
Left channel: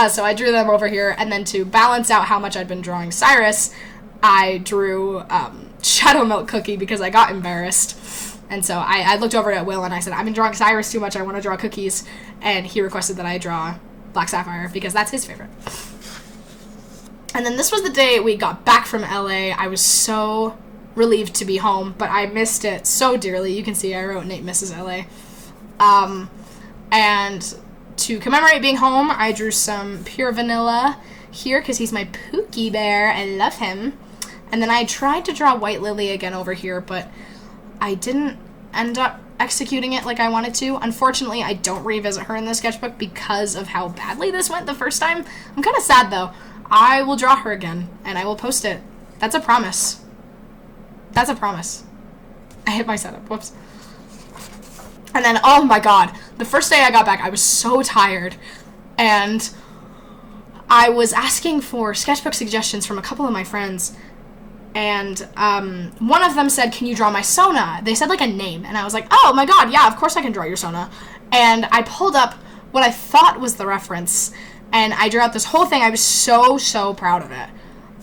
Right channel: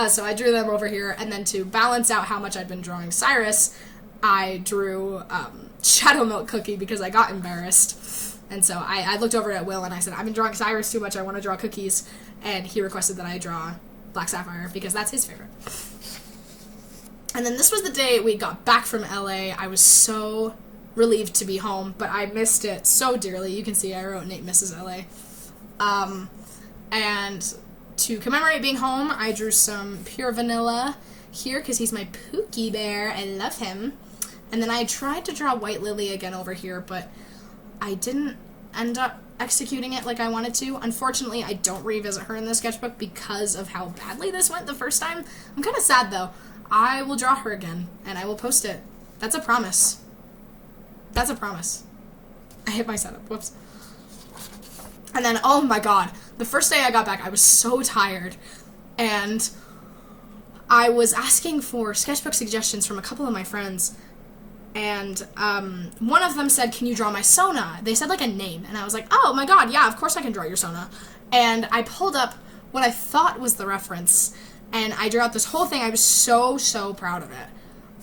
so I drew them over here, and then to balance out how much I'd been drawing Cyrus, I drew Shadow Milk Cookie because I got embarrassed. And so I looked over at Will and I said, I've been drawing Cyrus too much, I want to draw cookies. And he requested that I draw Black Sapphire because that's his favorite. And then this was the day we got back from LA. I was so relieved to be home, but I missed it so dearly. You can see I wrote Nate Misses LA. And to commemorate being home, I drew some Pure Vanilla here because he's my Pookie Bear. I love him. And then I tried to draw White Lily again over here, but I didn't end up executing it like I wanted to. Unfortunately, I don't revisit her in the sketchbook because of how badly this went the first time. I'm kind of sad, though. I will draw her again, and I will post it. That's a promise. That's a promise. I hit my setup. Whoops. And then, oh my god, the first day I got back, I was so tired, and I was asking for sketchbook suggestions from a couple of my friends, and one of them said, can you draw my Sona? They said, like, a name, and I was like, oh my god, yeah, of course I can draw your Sona. And I pulled up what I thought was the reference, and I drew out this whole thing. I was so proud of it.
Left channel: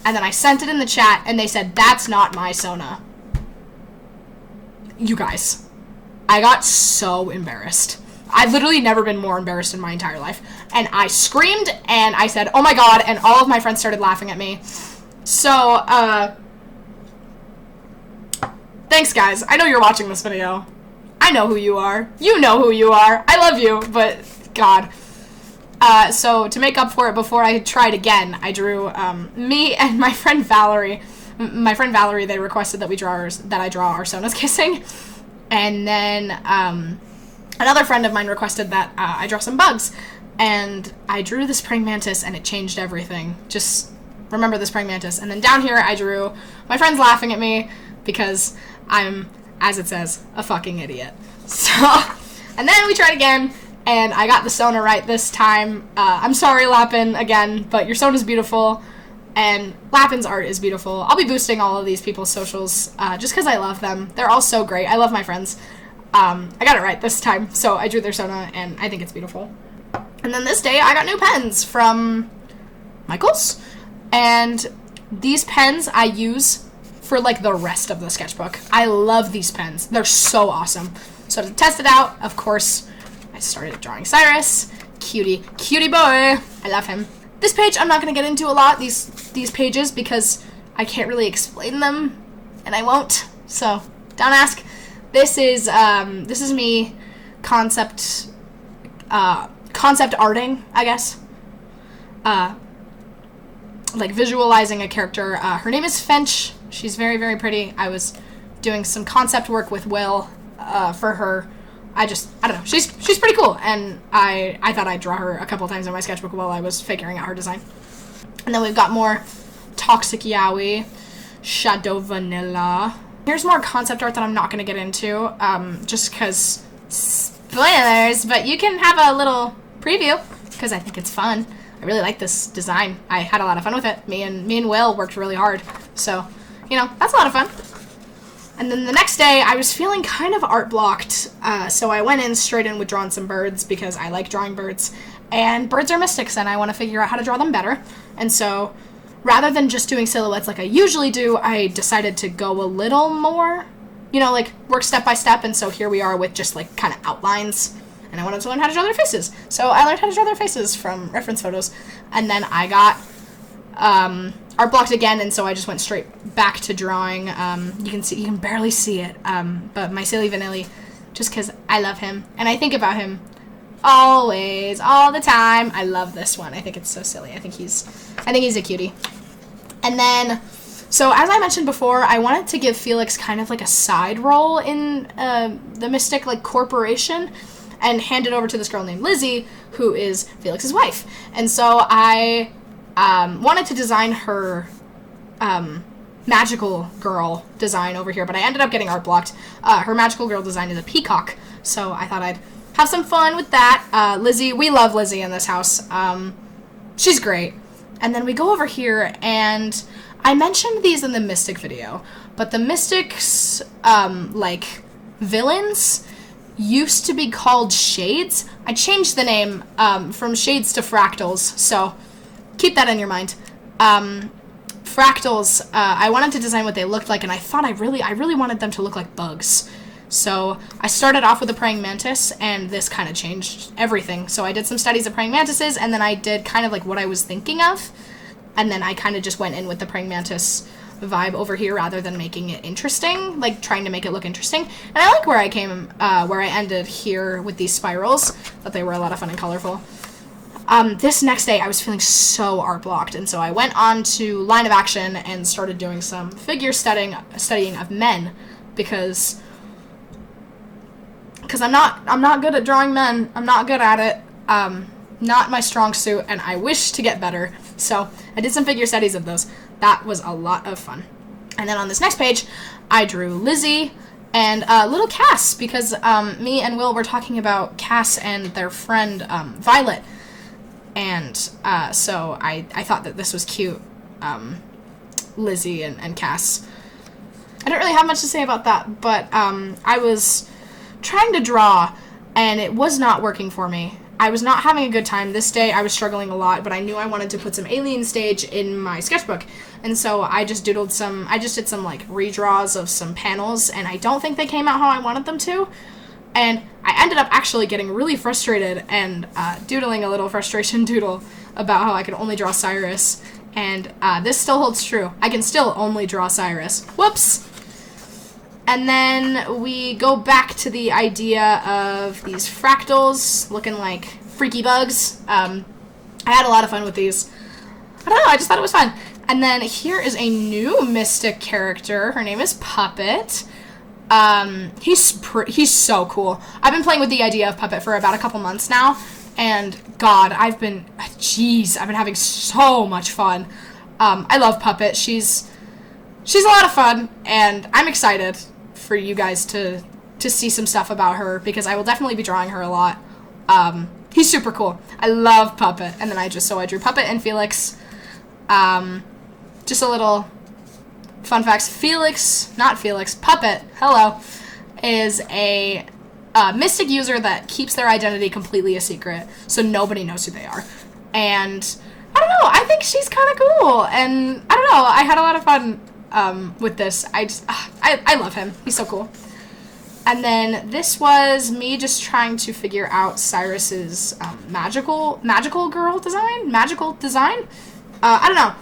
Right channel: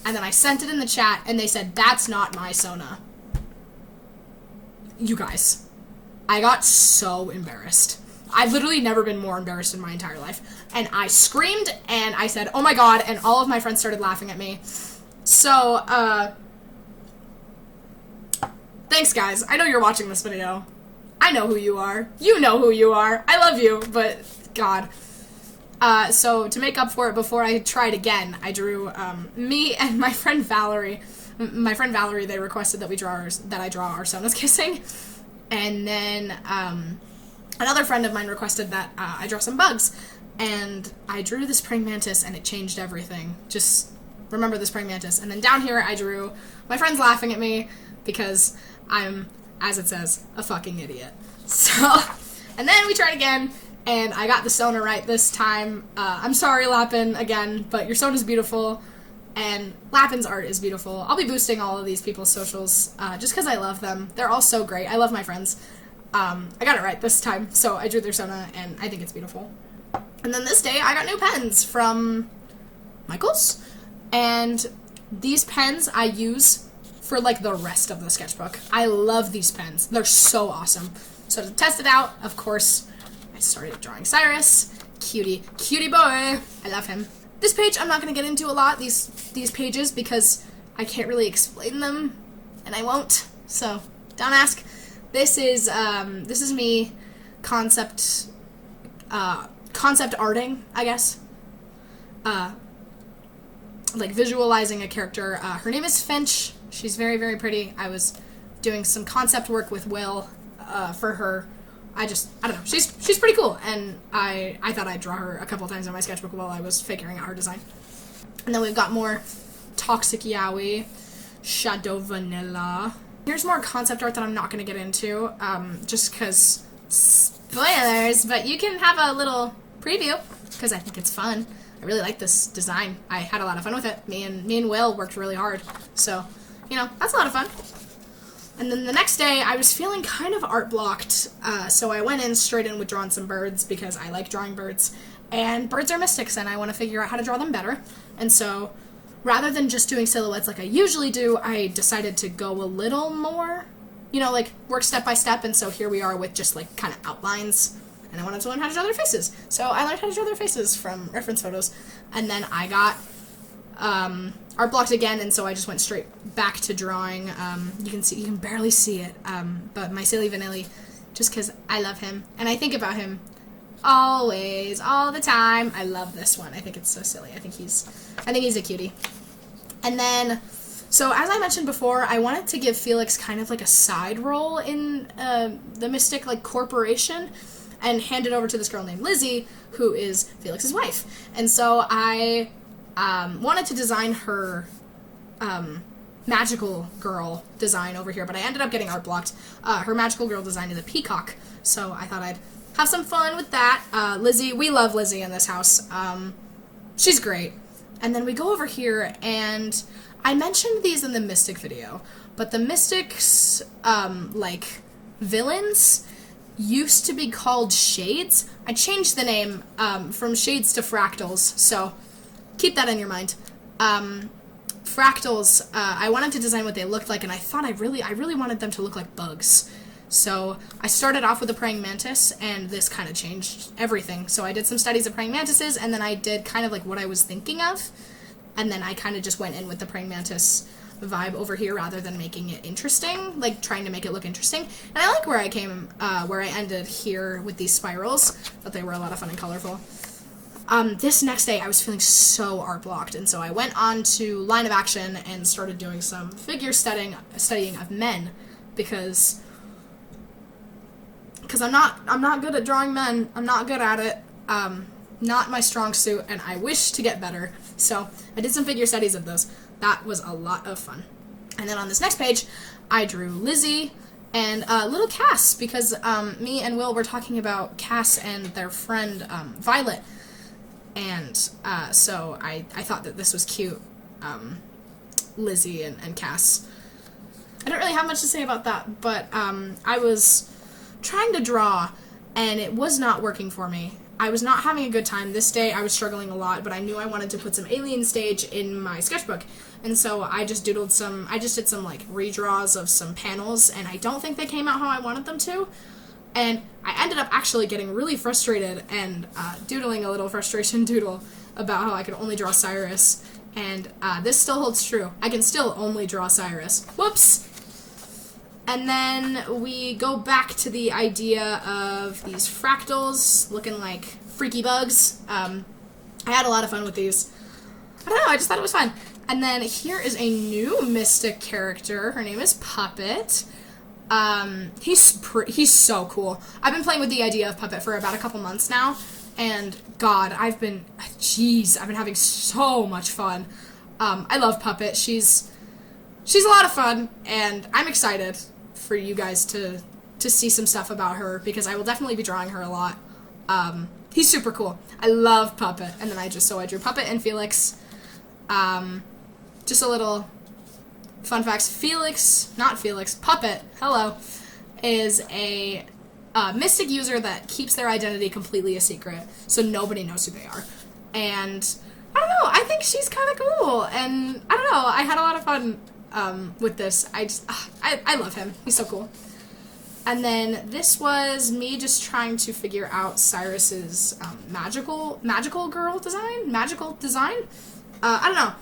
And then I sent it in the chat, and they said, that's not my Sona. You guys. I got so embarrassed. I've literally never been more embarrassed in my entire life. And I screamed, and I said, oh my god, and all of my friends started laughing at me. So, thanks, guys. I know you're watching this video. I know who you are. You know who you are. I love you, but, God. So to make up for it, before I tried again, I drew me and my friend Valerie. My friend Valerie, they requested that I draw our Sonas kissing, and then another friend of mine requested that I draw some bugs, and I drew this praying mantis, and it changed everything. Just remember this praying mantis. And then down here, I drew my friends laughing at me because I'm, as it says, a fucking idiot. So, and then we tried again. and I got the Sona right this time. I'm sorry, Lapin, again, but your Sona's beautiful, and Lapin's art is beautiful. I'll be boosting all of these people's socials just because I love them. They're all so great. I love my friends. I got it right this time, so I drew their Sona, and I think it's beautiful. And then this day, I got new pens from Michaels, and these pens I use for like the rest of the sketchbook. I love these pens. They're so awesome. So to test it out, of course, I started drawing Cyrus. Cutie boy. I love him. This page I'm not going to get into a lot, these pages, because I can't really explain them, and I won't. So don't ask. This is me concept arting, I guess. Like visualizing a character. Her name is Finch. She's very, very pretty. I was doing some concept work with Will for her. I don't know. She's pretty cool, and I thought I'd draw her a couple times in my sketchbook while I was figuring out her design. And then we've got more Toxic Yaoi, Shadow Vanilla. Here's more concept art that I'm not going to get into, just because spoilers, but you can have a little preview, because I think it's fun. I really like this design. I had a lot of fun with it. Me and Will worked really hard, so, you know, that's a lot of fun. And then the next day, I was feeling kind of art blocked, so I went straight in with drawing some birds, because I like drawing birds, and birds are mystics, and I want to figure out how to draw them better. And so, rather than just doing silhouettes like I usually do, I decided to go a little more, you know, like, work step by step, and so here we are with just, like, kind of outlines, and I wanted to learn how to draw their faces. So I learned how to draw their faces from reference photos, and then I got art blocked again, and so I just went straight back to drawing. You can barely see it, but my silly Vanilli, just because I love him, and I think about him always, all the time. I love this one. I think it's so silly. I think he's a cutie. And then, so as I mentioned before, I wanted to give Felix kind of like a side role in the Mystic like corporation, and hand it over to this girl named Lizzie, who is Felix's wife. And so I wanted to design her magical girl design over here, but I ended up getting art blocked. Her magical girl design is a peacock, so I thought I'd have some fun with that. Lizzie, we love Lizzie in this house. She's great. And then we go over here, and I mentioned these in the Mystic video, but the Mystics, like, villains used to be called Shades. I changed the name from Shades to Fractals, so keep that in your mind. Fractals, I wanted to design what they looked like, and I thought I really wanted them to look like bugs. So I started off with a praying mantis, and this kind of changed everything. So I did some studies of praying mantises, and then I did kind of like what I was thinking of, and then I kind of just went in with the praying mantis vibe over here rather than making it interesting, like trying to make it look interesting. And I like where I ended here with these spirals. Thought they were a lot of fun and colorful. This next day I was feeling so art blocked, and so I went on to Line of Action and started doing some figure studying of men, because I'm not good at drawing men. I'm not good at it. Not my strong suit, and I wish to get better. So I did some figure studies of those. That was a lot of fun. And then on this next page, I drew Lizzie and little Cass, because me and Will were talking about Cass and their friend Violet. And so I thought that this was cute, Lizzie and Cass. I don't really have much to say about that, but I was trying to draw, and it was not working for me. I was not having a good time. This day I was struggling a lot, but I knew I wanted to put some alien stage in my sketchbook, and so I just did some like redraws of some panels, and I don't think they came out how I wanted them to, and I ended up actually getting really frustrated and doodling a little frustration doodle about how I could only draw Cyrus, and this still holds true. I can still only draw Cyrus. Whoops! And then we go back to the idea of these fractals looking like freaky bugs. I had a lot of fun with these. I don't know, I just thought it was fun. And then here is a new Mystic character. Her name is Puppet. He's so cool. I've been playing with the idea of Puppet for about a couple months now, and God, I've been having so much fun. I love Puppet. She's a lot of fun, and I'm excited for you guys to see some stuff about her, because I will definitely be drawing her a lot. He's super cool. I love Puppet. And then I drew Puppet and Felix. Just a little fun facts. Puppet, hello, is a Mystic user that keeps their identity completely a secret, so nobody knows who they are. And I don't know, I think she's kind of cool. And I don't know, I had a lot of fun with this. I love him. He's so cool. And then this was me just trying to figure out Cyrus's magical design. I don't know,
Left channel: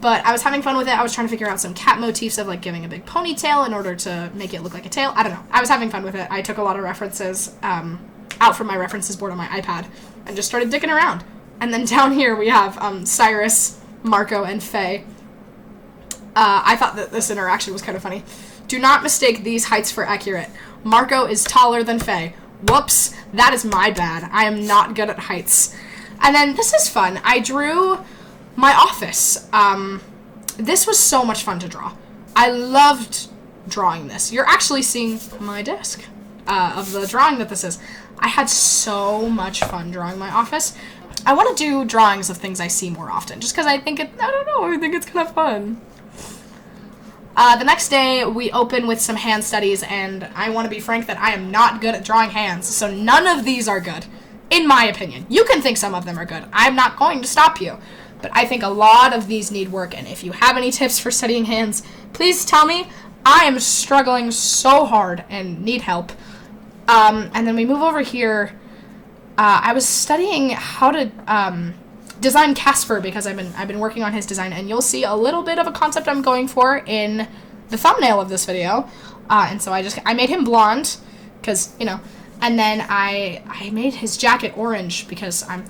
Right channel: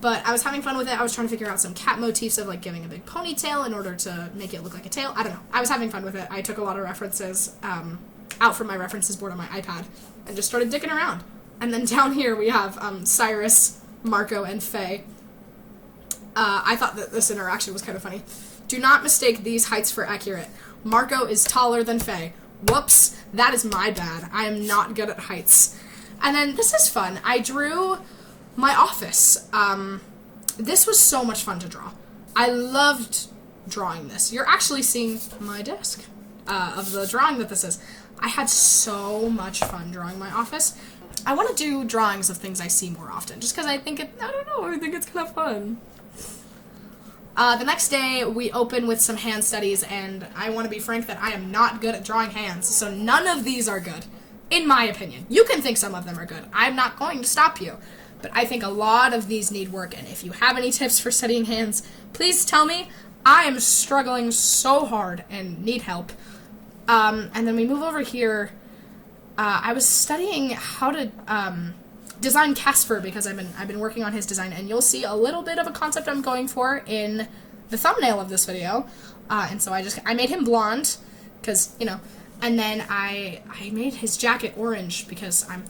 but I was having fun with it. I was trying to figure out some cat motifs of like giving a big ponytail in order to make it look like a tail. I don't know. I was having fun with it. I took a lot of references out from my references board on my iPad and just started dicking around. And then down here we have Cyrus, Marco, and Faye. I thought that this interaction was kind of funny. Do not mistake these heights for accurate. Marco is taller than Faye. Whoops, that is my bad. I am not good at heights. And then this is fun. I drew my office. This was so much fun to draw. I loved drawing this. You're actually seeing my desk of the drawing that this is. I had so much fun drawing my office. I want to do drawings of things I see more often, just because I think I think it's kind of fun. The next day, we open with some hand studies, and I want to be frank that I am not good at drawing hands, so none of these are good, in my opinion. You can think some of them are good. I'm not going to stop you, but I think a lot of these need work, and if you have any tips for studying hands, please tell me. I am struggling so hard and need help. And then we move over here. I was studying how to design Casper because I've been working on his design, and you'll see a little bit of a concept I'm going for in the thumbnail of this video. And so I made him blonde because, and then I made his jacket orange because I'm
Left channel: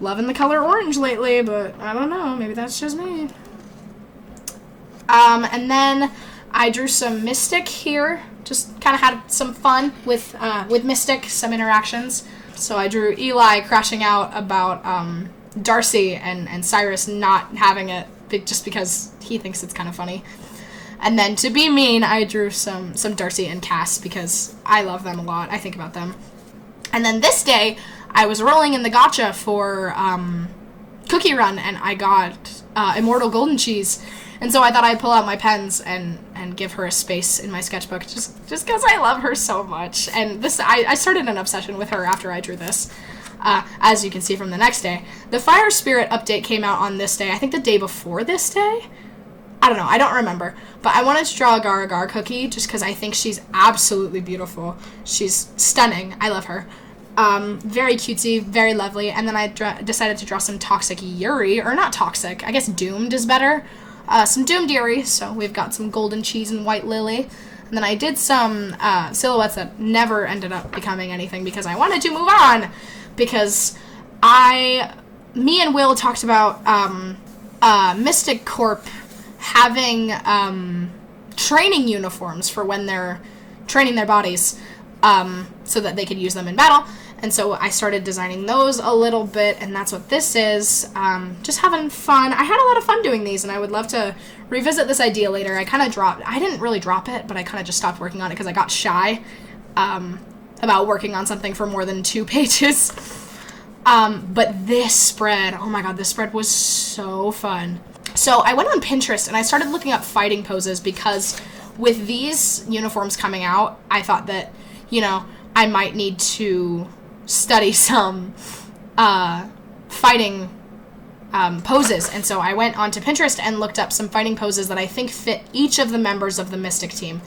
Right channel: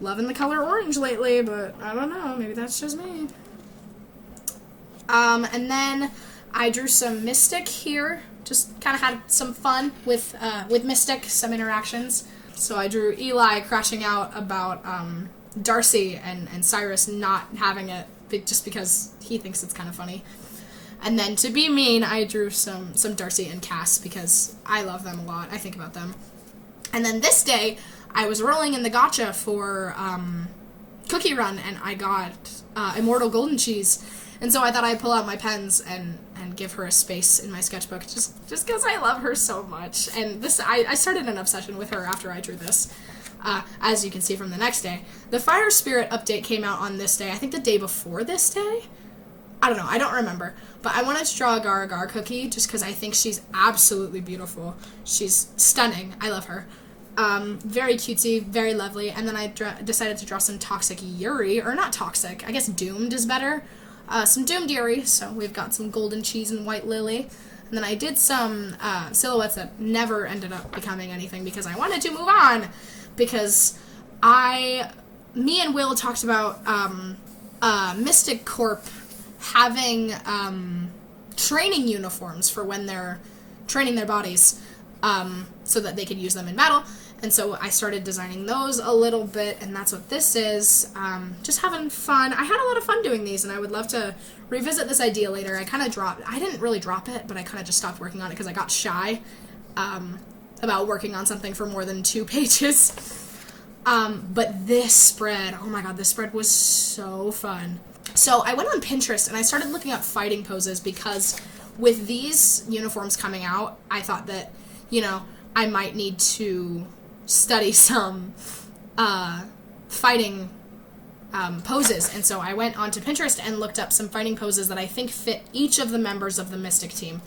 loving the color orange lately, but I don't know, maybe that's just me. And then I drew some Mystic here, just kind of had some fun with Mystic, some interactions. So I drew Eli crashing out about Darcy and Cyrus not having it just because he thinks it's kind of funny. And then to be mean, I drew some Darcy and Cass because I love them a lot. I think about them. And then this day, I was rolling in the gacha for Cookie Run, and I got Immortal Golden Cheese. And so I thought I'd pull out my pens and give her a space in my sketchbook just because I love her so much. And this I started an obsession with her after I drew this. As you can see from the next day. The Fire Spirit update came out on this day. I think the day before this day? I don't know. I don't remember. But I wanted to draw a Gar Gar cookie just because I think she's absolutely beautiful. She's stunning. I love her. Very cutesy, very lovely. And then I decided to draw some Toxic Yuri. Or not Toxic. I guess Doomed is better. Some Doomed Yuri. So we've got some Golden Cheese and White Lily. And then I did some silhouettes that never ended up becoming anything because I wanted to move on. Because me and Will talked about Mystic Corp having training uniforms for when they're training their bodies so that they could use them in battle. And so I started designing those a little bit, and that's what this is. Just having fun. I had a lot of fun doing these, and I would love to revisit this idea later. I didn't really drop it, but I kind of just stopped working on it because I got shy about working on something for more than 2 pages. But this spread, oh my god, this spread was so fun. So I went on Pinterest and I started looking up fighting poses because with these uniforms coming out, I thought that, I might need to study some fighting poses. And so I went onto Pinterest and looked up some fighting poses that I think fit each of the members of the Mystic team.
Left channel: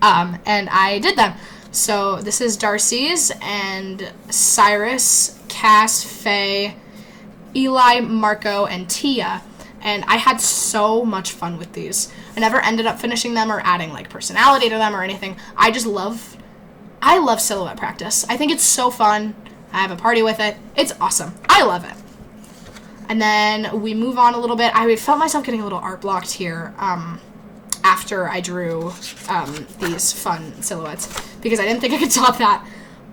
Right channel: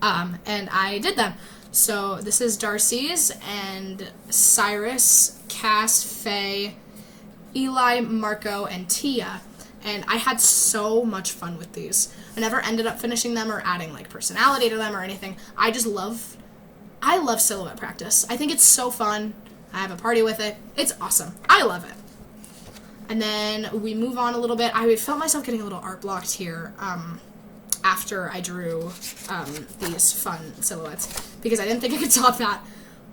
And I did them. So this is Darcy's and Cyrus, Cass, Faye, Eli, Marco, and Tia. And I had so much fun with these. I never ended up finishing them or adding personality to them or anything. I love silhouette practice. I think it's so fun. I have a party with it. It's awesome. I love it. And then we move on a little bit. I felt myself getting a little art blocked here. After I drew these fun silhouettes because I didn't think I could top that.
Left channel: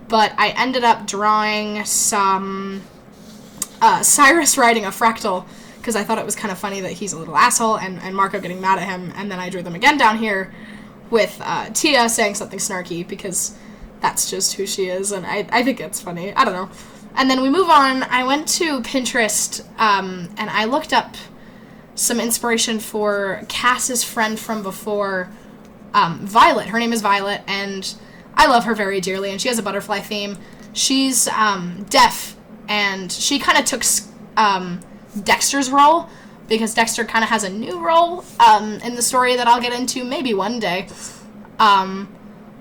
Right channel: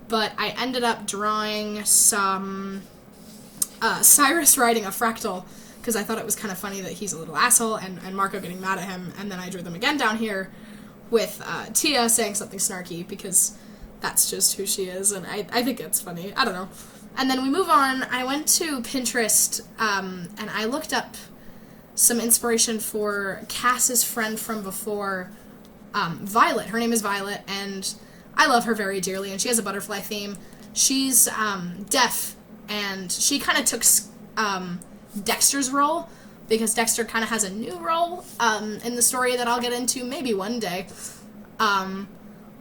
But I ended up drawing some Cyrus riding a fractal because I thought it was kind of funny that he's a little asshole and Marco getting mad at him. And then I drew them again down here with Tia saying something snarky because that's just who she is, and I think it's funny. I don't know. And then we move on. I went to Pinterest, and I looked up some inspiration for Cass's friend from before, Violet. Her name is Violet, and I love her very dearly, and she has a butterfly theme. She's deaf, and she kind of took Dexter's role, because Dexter kind of has a new role in the story that I'll get into maybe one day.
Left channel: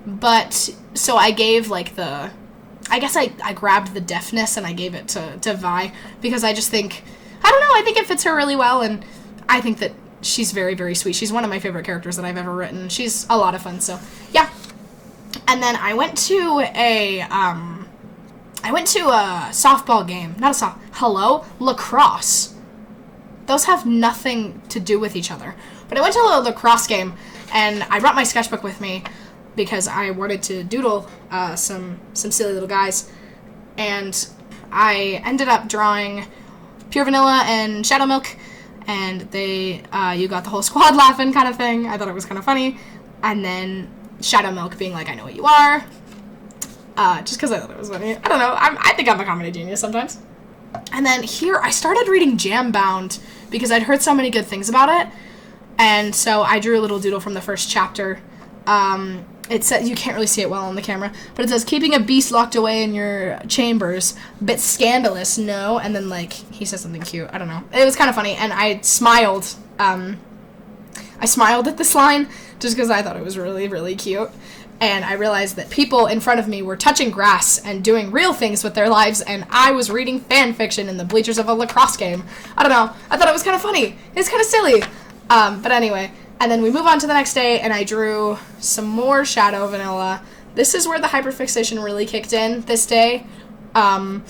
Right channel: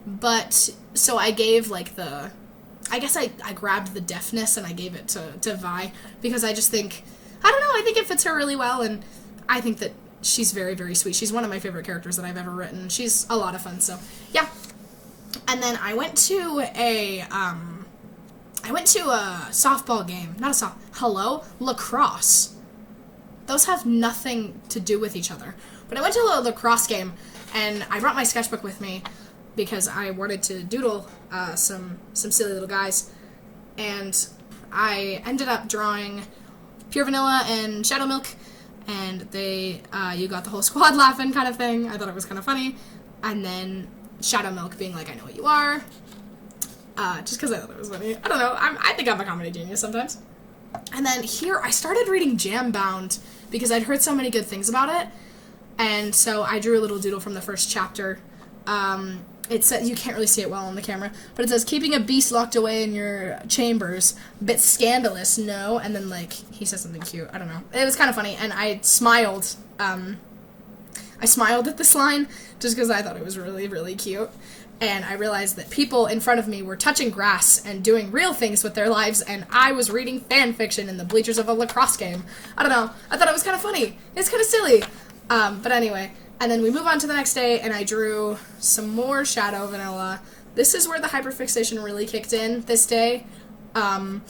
But, so I gave, like, I guess I grabbed the deafness and I gave it to Vi, because I just think, I don't know, I think it fits her really well, and I think that she's very, very sweet. She's one of my favorite characters that I've ever written. She's a lot of fun, so, yeah. And then I went to a softball game. Lacrosse. Those have nothing to do with each other. But I went to a lacrosse game, and I brought my sketchbook with me because I wanted to doodle some silly little guys. And I ended up drawing Pure Vanilla and Shadow Milk, and you got the whole squad laughing kind of thing. I thought it was kind of funny. And then Shadow Milk being like, I know what you are. Just because I thought it was funny. I don't know. I think I'm a comedy genius sometimes. And then here, I started reading Jambound because I'd heard so many good things about it. And so I drew a little doodle from the first chapter. It said, you can't really see it well on the camera, but it says, keeping a beast locked away in your chambers, bit scandalous, no? And then, like, he says something cute. I don't know. It was kind of funny, and I smiled. I smiled at this line just because I thought it was really, really cute. And I realized that people in front of me were touching grass and doing real things with their lives, and I was reading fan fiction in the bleachers of a lacrosse game. I don't know. I thought it was kind of funny. It's kind of silly. But anyway, and then we move on to the next day, and I drew some more Shadow Vanilla. This is where the hyperfixation really kicked in this day. I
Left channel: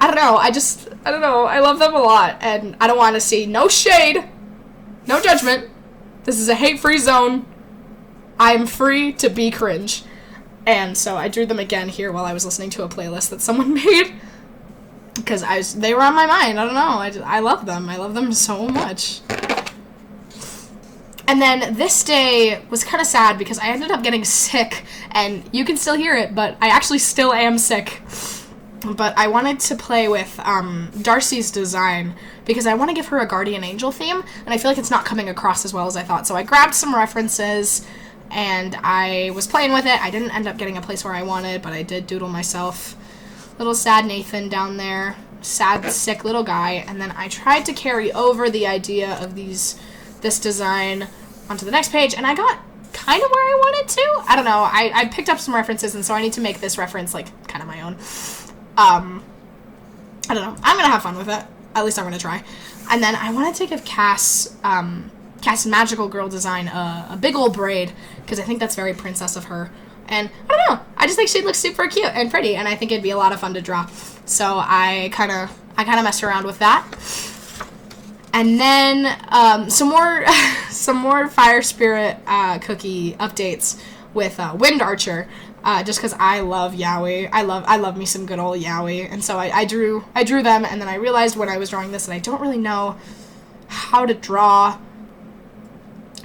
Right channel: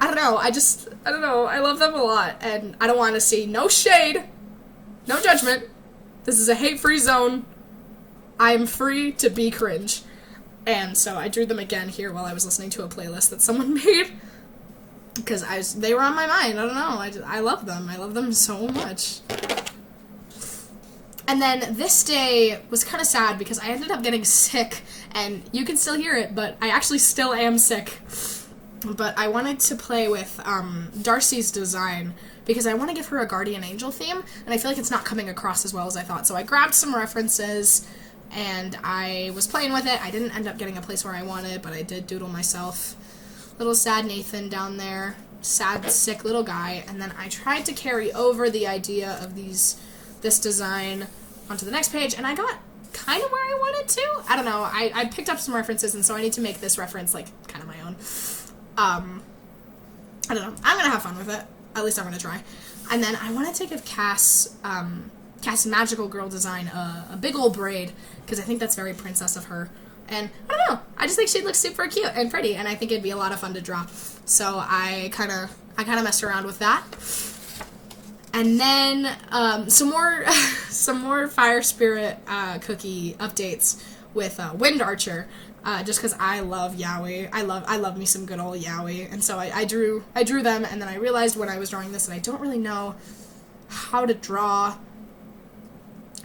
don't know. I don't know. I love them a lot, and I don't want to see no shade, no judgment. This is a hate-free zone. I'm free to be cringe. And so I drew them again here while I was listening to a playlist that someone made. Because they were on my mind. I don't know. I love them. I love them so much. And then this day was kind of sad because I ended up getting sick. And you can still hear it, but I actually still am sick. But I wanted to play with Darcy's design because I want to give her a guardian angel theme. And I feel like it's not coming across as well as I thought. So I grabbed some references and I was playing with it. I didn't end up getting a place where I wanted, but I did doodle myself. Little sad Nathan down there. Sad, sick little guy. And then I tried to carry over the idea of this design onto the next page, and I got kind of where I wanted to. I don't know. I picked up some references, and so I need to make this reference, like, kind of my own. I don't know. I'm going to have fun with it. At least I'm going to try. And then I wanted to give Cass's magical girl design a big old braid, because I think that's very princess of her. And I don't know. I just think she looks super cute and pretty, and I think it'd be a lot of fun to draw. So I kind of messed around with that. And then some more Fire Spirit cookie updates with Wind Archer, just because I love yaoi. I love me some good old yaoi, and so I drew them, and then I realized when I was drawing this that I don't really know how to draw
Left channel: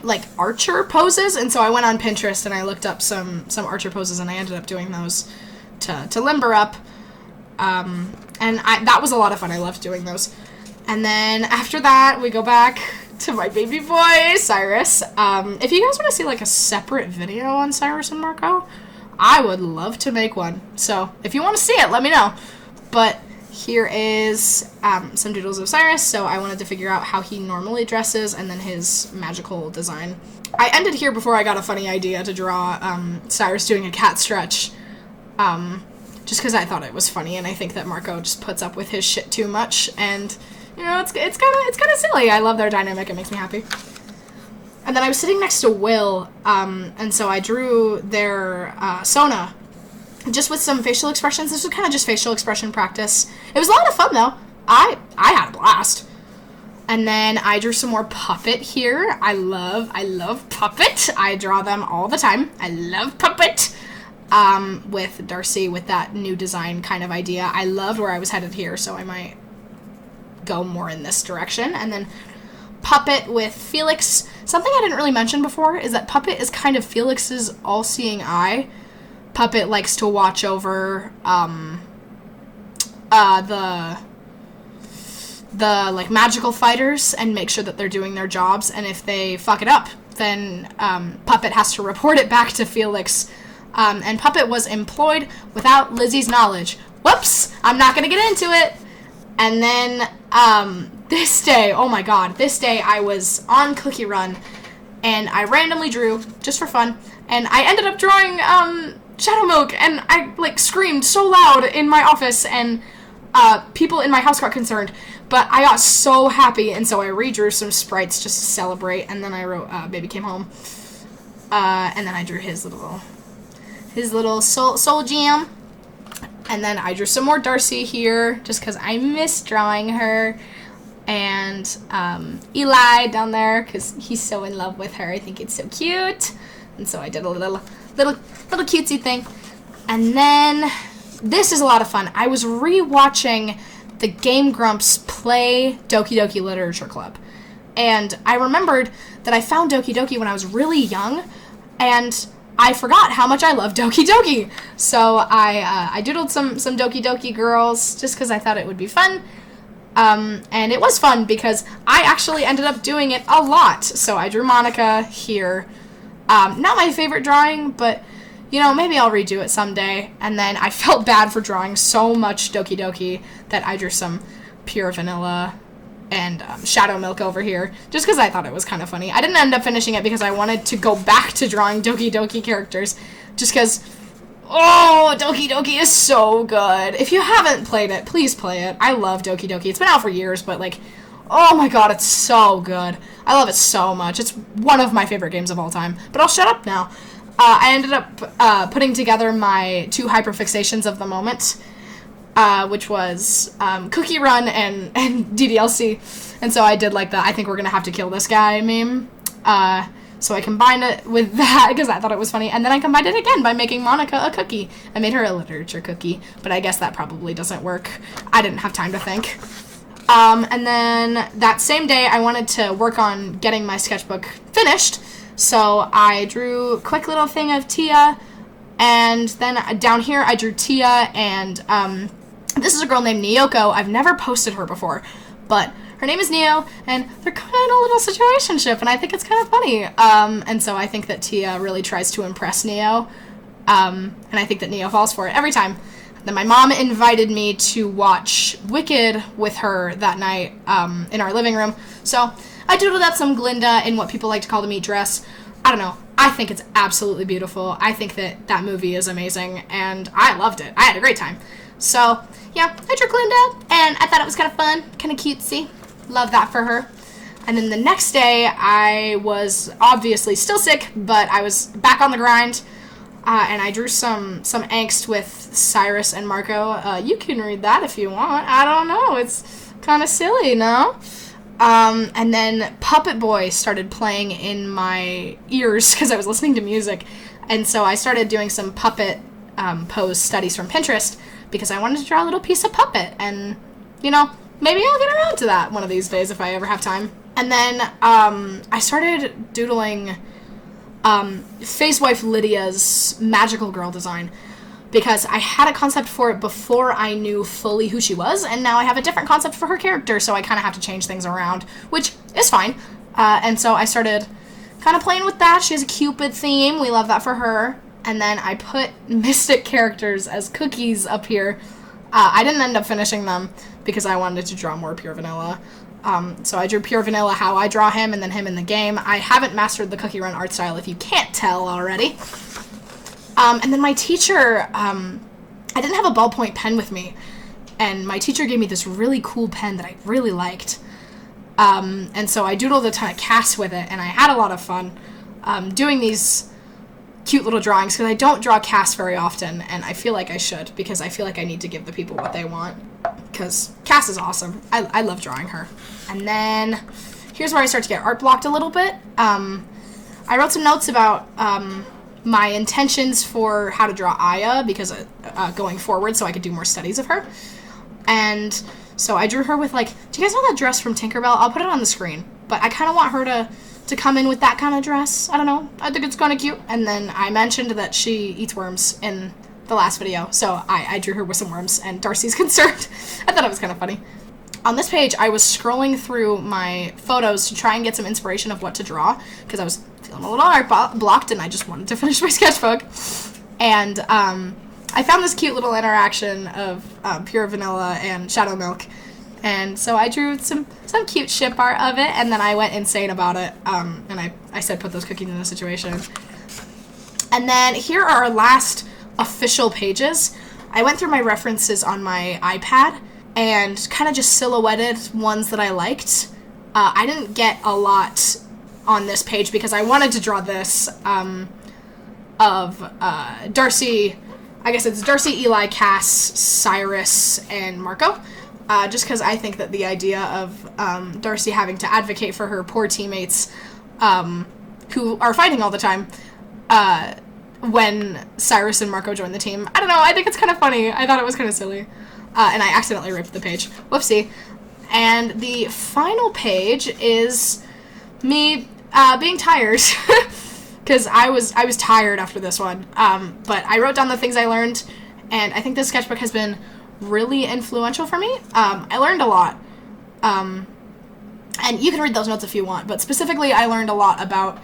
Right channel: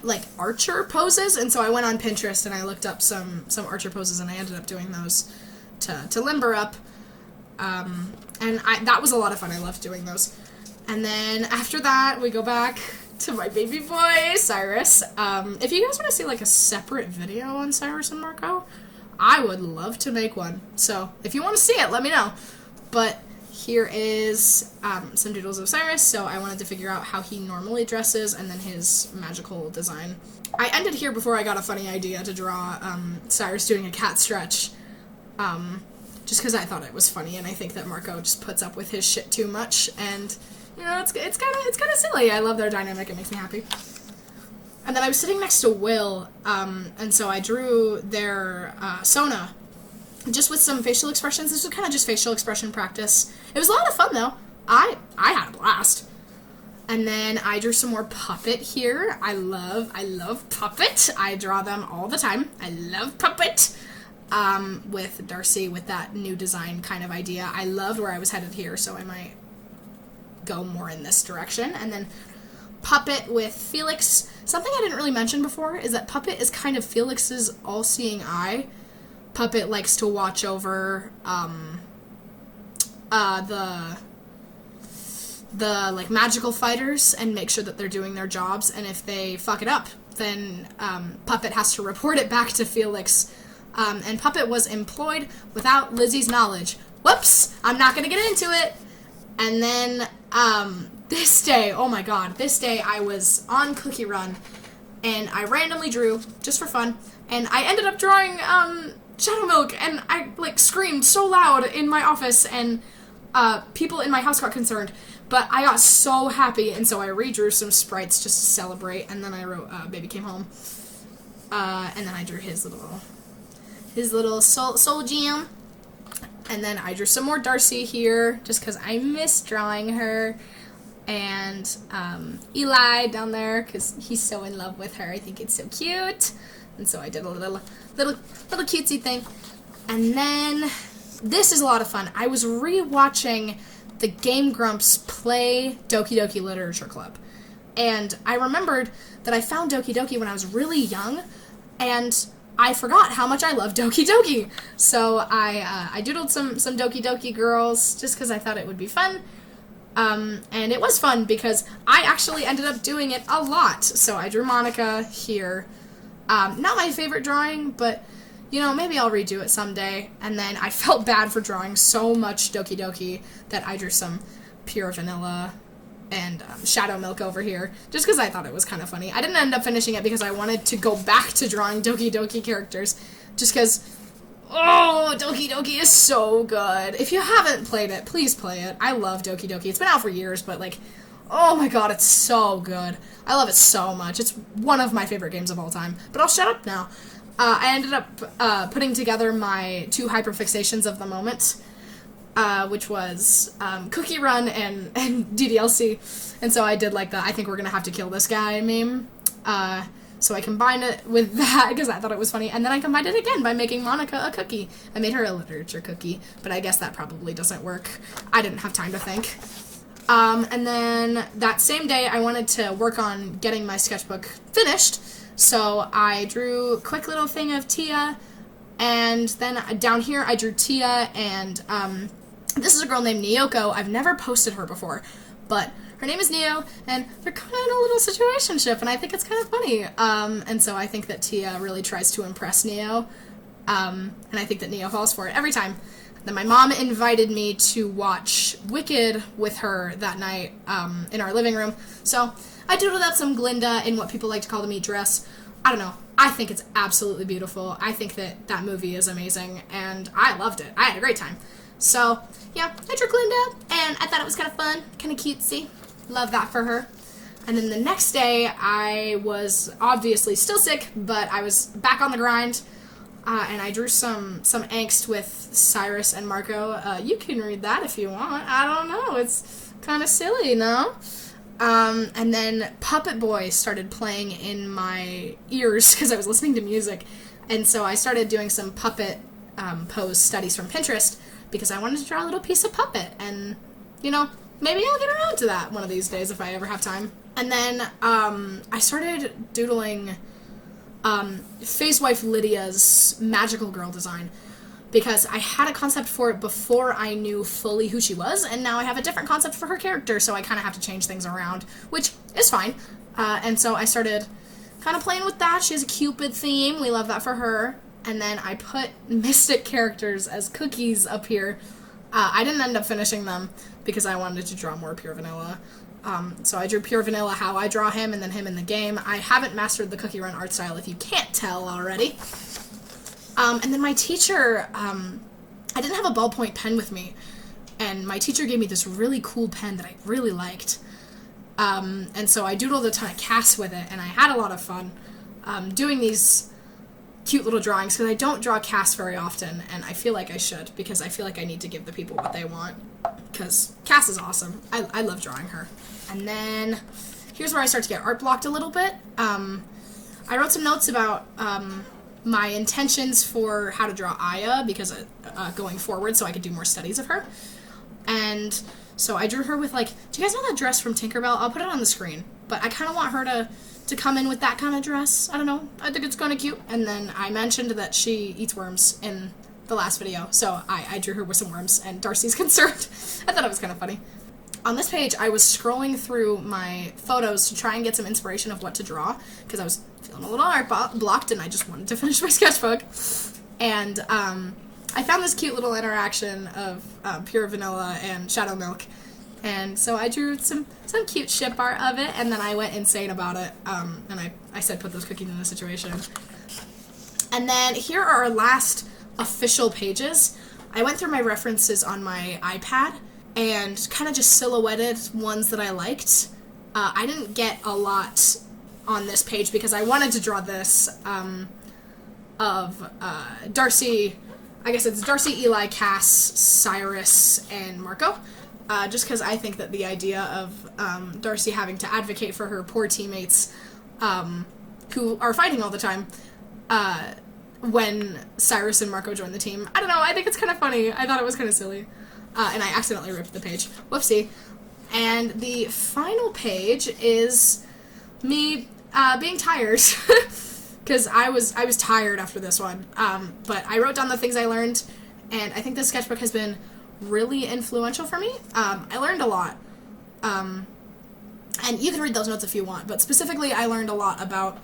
like archer poses, and so I went on Pinterest and I looked up some archer poses, and I ended up doing those to limber up, and that was a lot of fun. I loved doing those. And then after that, we go back to my baby boy, Cyrus. If you guys want to see, like, a separate video on Cyrus and Marco, I would love to make one. So if you want to see it, let me know. But here is some doodles of Cyrus. So I wanted to figure out how he normally dresses and then his magical design. I ended here before I got a funny idea to draw Cyrus doing a cat stretch. Just because I thought it was funny, and I think that Marco just puts up with his shit too much, and you know, it's kind of silly. I love their dynamic. It makes me happy. And then I was sitting next to Will, and so I drew their Sona, just with some facial expressions. This was kind of just facial expression practice. It was a lot of fun, though. I had a blast. And then I drew some more Puppet here. I love Puppet. I draw them all the time. I love Puppet. With Darcy, with that new design kind of idea. I loved where I was headed here, so I might go more in this direction. And then Puppet with Felix. Something I didn't really mention before is that Puppet is kind of Felix's all-seeing eye. Puppet likes to watch over the like magical fighters and make sure that they're doing their jobs, and if they fuck it up, then Puppet has to report it back to Felix. And Puppet was employed without Lizzie's knowledge. Whoops! I'm not gonna get into it. And then this day, oh my god, this day I was on Cookie Run, and I randomly drew, just for fun, and I ended up drawing Shadow Milk, and I like screamed so loud in my office, and people in my house got concerned. But I got so happy, and so I redrew some sprites just to celebrate, and then I wrote Baby Came Home. And then I drew his little soul jam. And then I drew some more Darcy here, just because I miss drawing her. And Eli down there, because he's so in love with her. I think it's so cute. And so I did a little cutesy thing. And then, this is a lot of fun. I was re-watching the Game Grumps play Doki Doki Literature Club. And I remembered that I found Doki Doki when I was really young, and I forgot how much I love Doki Doki. So I doodled some Doki Doki girls just because I thought it would be fun. And it was fun because I actually ended up doing it a lot. So I drew Monica here. Not my favorite drawing, but you know, maybe I'll redo it someday. And then I felt bad for drawing so much Doki Doki that I drew some Pure Vanilla and Shadow Milk over here, just because I thought it was kind of funny. I didn't end up finishing it because I wanted to go back to drawing Doki Doki characters, just because, oh, Doki Doki is so good. If you haven't played it, please play it. I love Doki Doki. It's been out for years, but like, oh my god, it's so good. I love it so much. It's one of my favorite games of all time. But I'll shut up now. I ended up putting together my 2 hyperfixations of the moment, which was Cookie Run and DDLC. And so I did like the I think we're going to have to kill this guy meme. So I combined it with that because I thought it was funny. And then I combined it again by making Monica a cookie. I made her a literature cookie, but I guess that probably doesn't work. I didn't have time to think. And then that same day, I wanted to work on getting my sketchbook finished. So I drew a quick little thing of Tia, and then down here I drew Tia, and this is a girl named Nyoko. I've never posted her before, but her name is Neo, and they're kind of in a little situationship, and I think it's kind of funny. And so I think that Tia really tries to impress Neo, and I think that Neo falls for it every time. Then my mom invited me to watch Wicked with her that night in our living room, so I doodled up some Glinda in what people like to call the meat dress. I don't know. I think it's absolutely beautiful. I think that movie is amazing, and I loved it. I had a great time. So, yeah, I drew Glinda, and I thought it was kind of fun, kind of cutesy. Love that for her. And then the next day, I was obviously still sick, but I was back on the grind, and I drew some angst with Cyrus and Marco. You can read that if you want. I don't know. It's kind of silly, no? And then Puppet Boy started playing in my ears because I was listening to music. And so I started doing some puppet pose studies from Pinterest because I wanted to draw a little piece of puppet. And, you know, maybe I'll get around to that one of these days if I ever have time. And then I started doodling Phase Wife Lydia's magical girl design, because I had a concept for it before I knew fully who she was, and now I have a different concept for her character, so I kind of have to change things around, which is fine. And so I started kind of playing with that. She has a Cupid theme. We love that for her. And then I put mystic characters as cookies up here. I didn't end up finishing them because I wanted to draw more Pure Vanilla. So I drew Pure Vanilla how I draw him, and then him in the game. I haven't mastered the Cookie Run art style, if you can't tell already. And then my teacher, I didn't have a ballpoint pen with me, and my teacher gave me this really cool pen that I really liked. And so I doodled a ton of casts with it, and I had a lot of fun doing these cute little drawings, because I don't draw casts very often, and I feel like I should, because I feel like I need to give the people what they want, because Cass is awesome. I love drawing her. And then here's where I start to get art blocked a little bit. I wrote some notes about my intentions for how to draw Aya, because going forward, so I could do more studies of her. And so I drew her with, like, do you guys know that dress from Tinkerbell? I'll put it on the screen. But I kind of want her to to come in with that kind of dress. I don't know. I think it's kind of cute. And then I mentioned that she eats worms in the last video, so I drew her with some worms, and Darcy's concerned. I thought it was kind of funny. On this page, I was scrolling through my photos to try and get some inspiration of what to draw, because I was feeling a little art blocked, and I just wanted to finish my sketchbook. And I found this cute little interaction of Pure Vanilla and Shadow Milk, and so I drew some cute ship art of it, and then I went insane about it, and I said put those cookies in the situation. And then here are our last official pages. I went through my references on my iPad and kind of just silhouetted ones that I liked. I didn't get a lot on this page because I wanted to draw this of Darcy. I guess it's Darcy, Eli, Cass, Cyrus, and Marco. Just because I think that the idea of Darcy having to advocate for her poor teammates who are fighting all the time when Cyrus and Marco join the team. I don't know, I think it's kind of funny. I thought it was kind of silly. And I accidentally ripped the page. Whoopsie. And the final page is me being tired. Because I was tired after this one. But I wrote down the things I learned, and I think this sketchbook has been really influential for me. I learned a lot. And you can read those notes if you want, but specifically I learned a lot about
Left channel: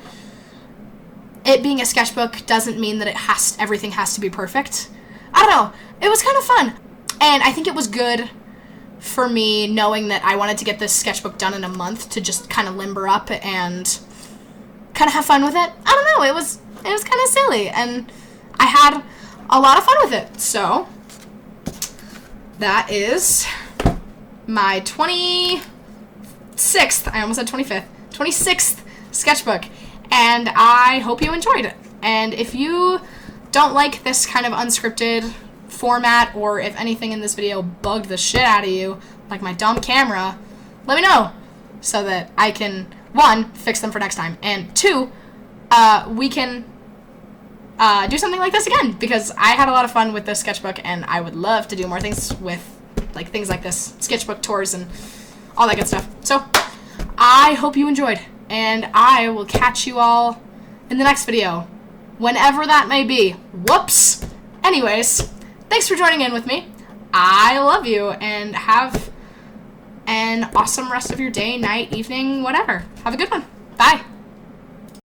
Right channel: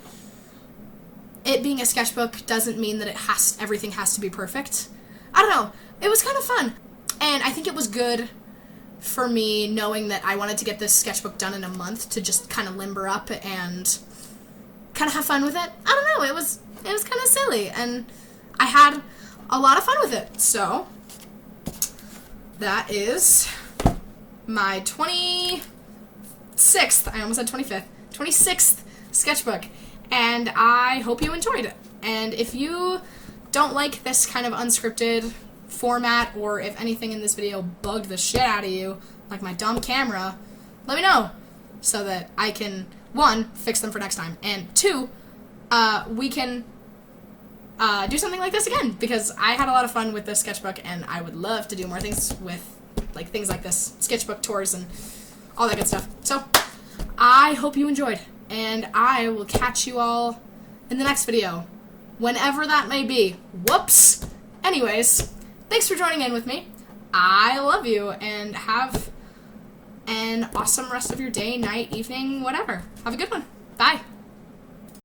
it being a sketchbook doesn't mean that everything has to be perfect. I don't know. It was kind of fun. And I think it was good for me knowing that I wanted to get this sketchbook done in a month to just kind of limber up and kind of have fun with it. I don't know. It was kind of silly, and I had a lot of fun with it. So that is my 26th, I almost said 25th, 26th sketchbook, and I hope you enjoyed it. And if you don't like this kind of unscripted format, or if anything in this video bugged the shit out of you, like my dumb camera, let me know so that I can, 1, fix them for next time, and 2, we can do something like this again, because I had a lot of fun with this sketchbook, and I would love to do more things with things like this, sketchbook tours and all that good stuff. So I hope you enjoyed, and I will catch you all in the next video, whenever that may be. Whoops. Anyways, thanks for joining in with me. I love you, and have an awesome rest of your day, night, evening, whatever. Have a good one. Bye.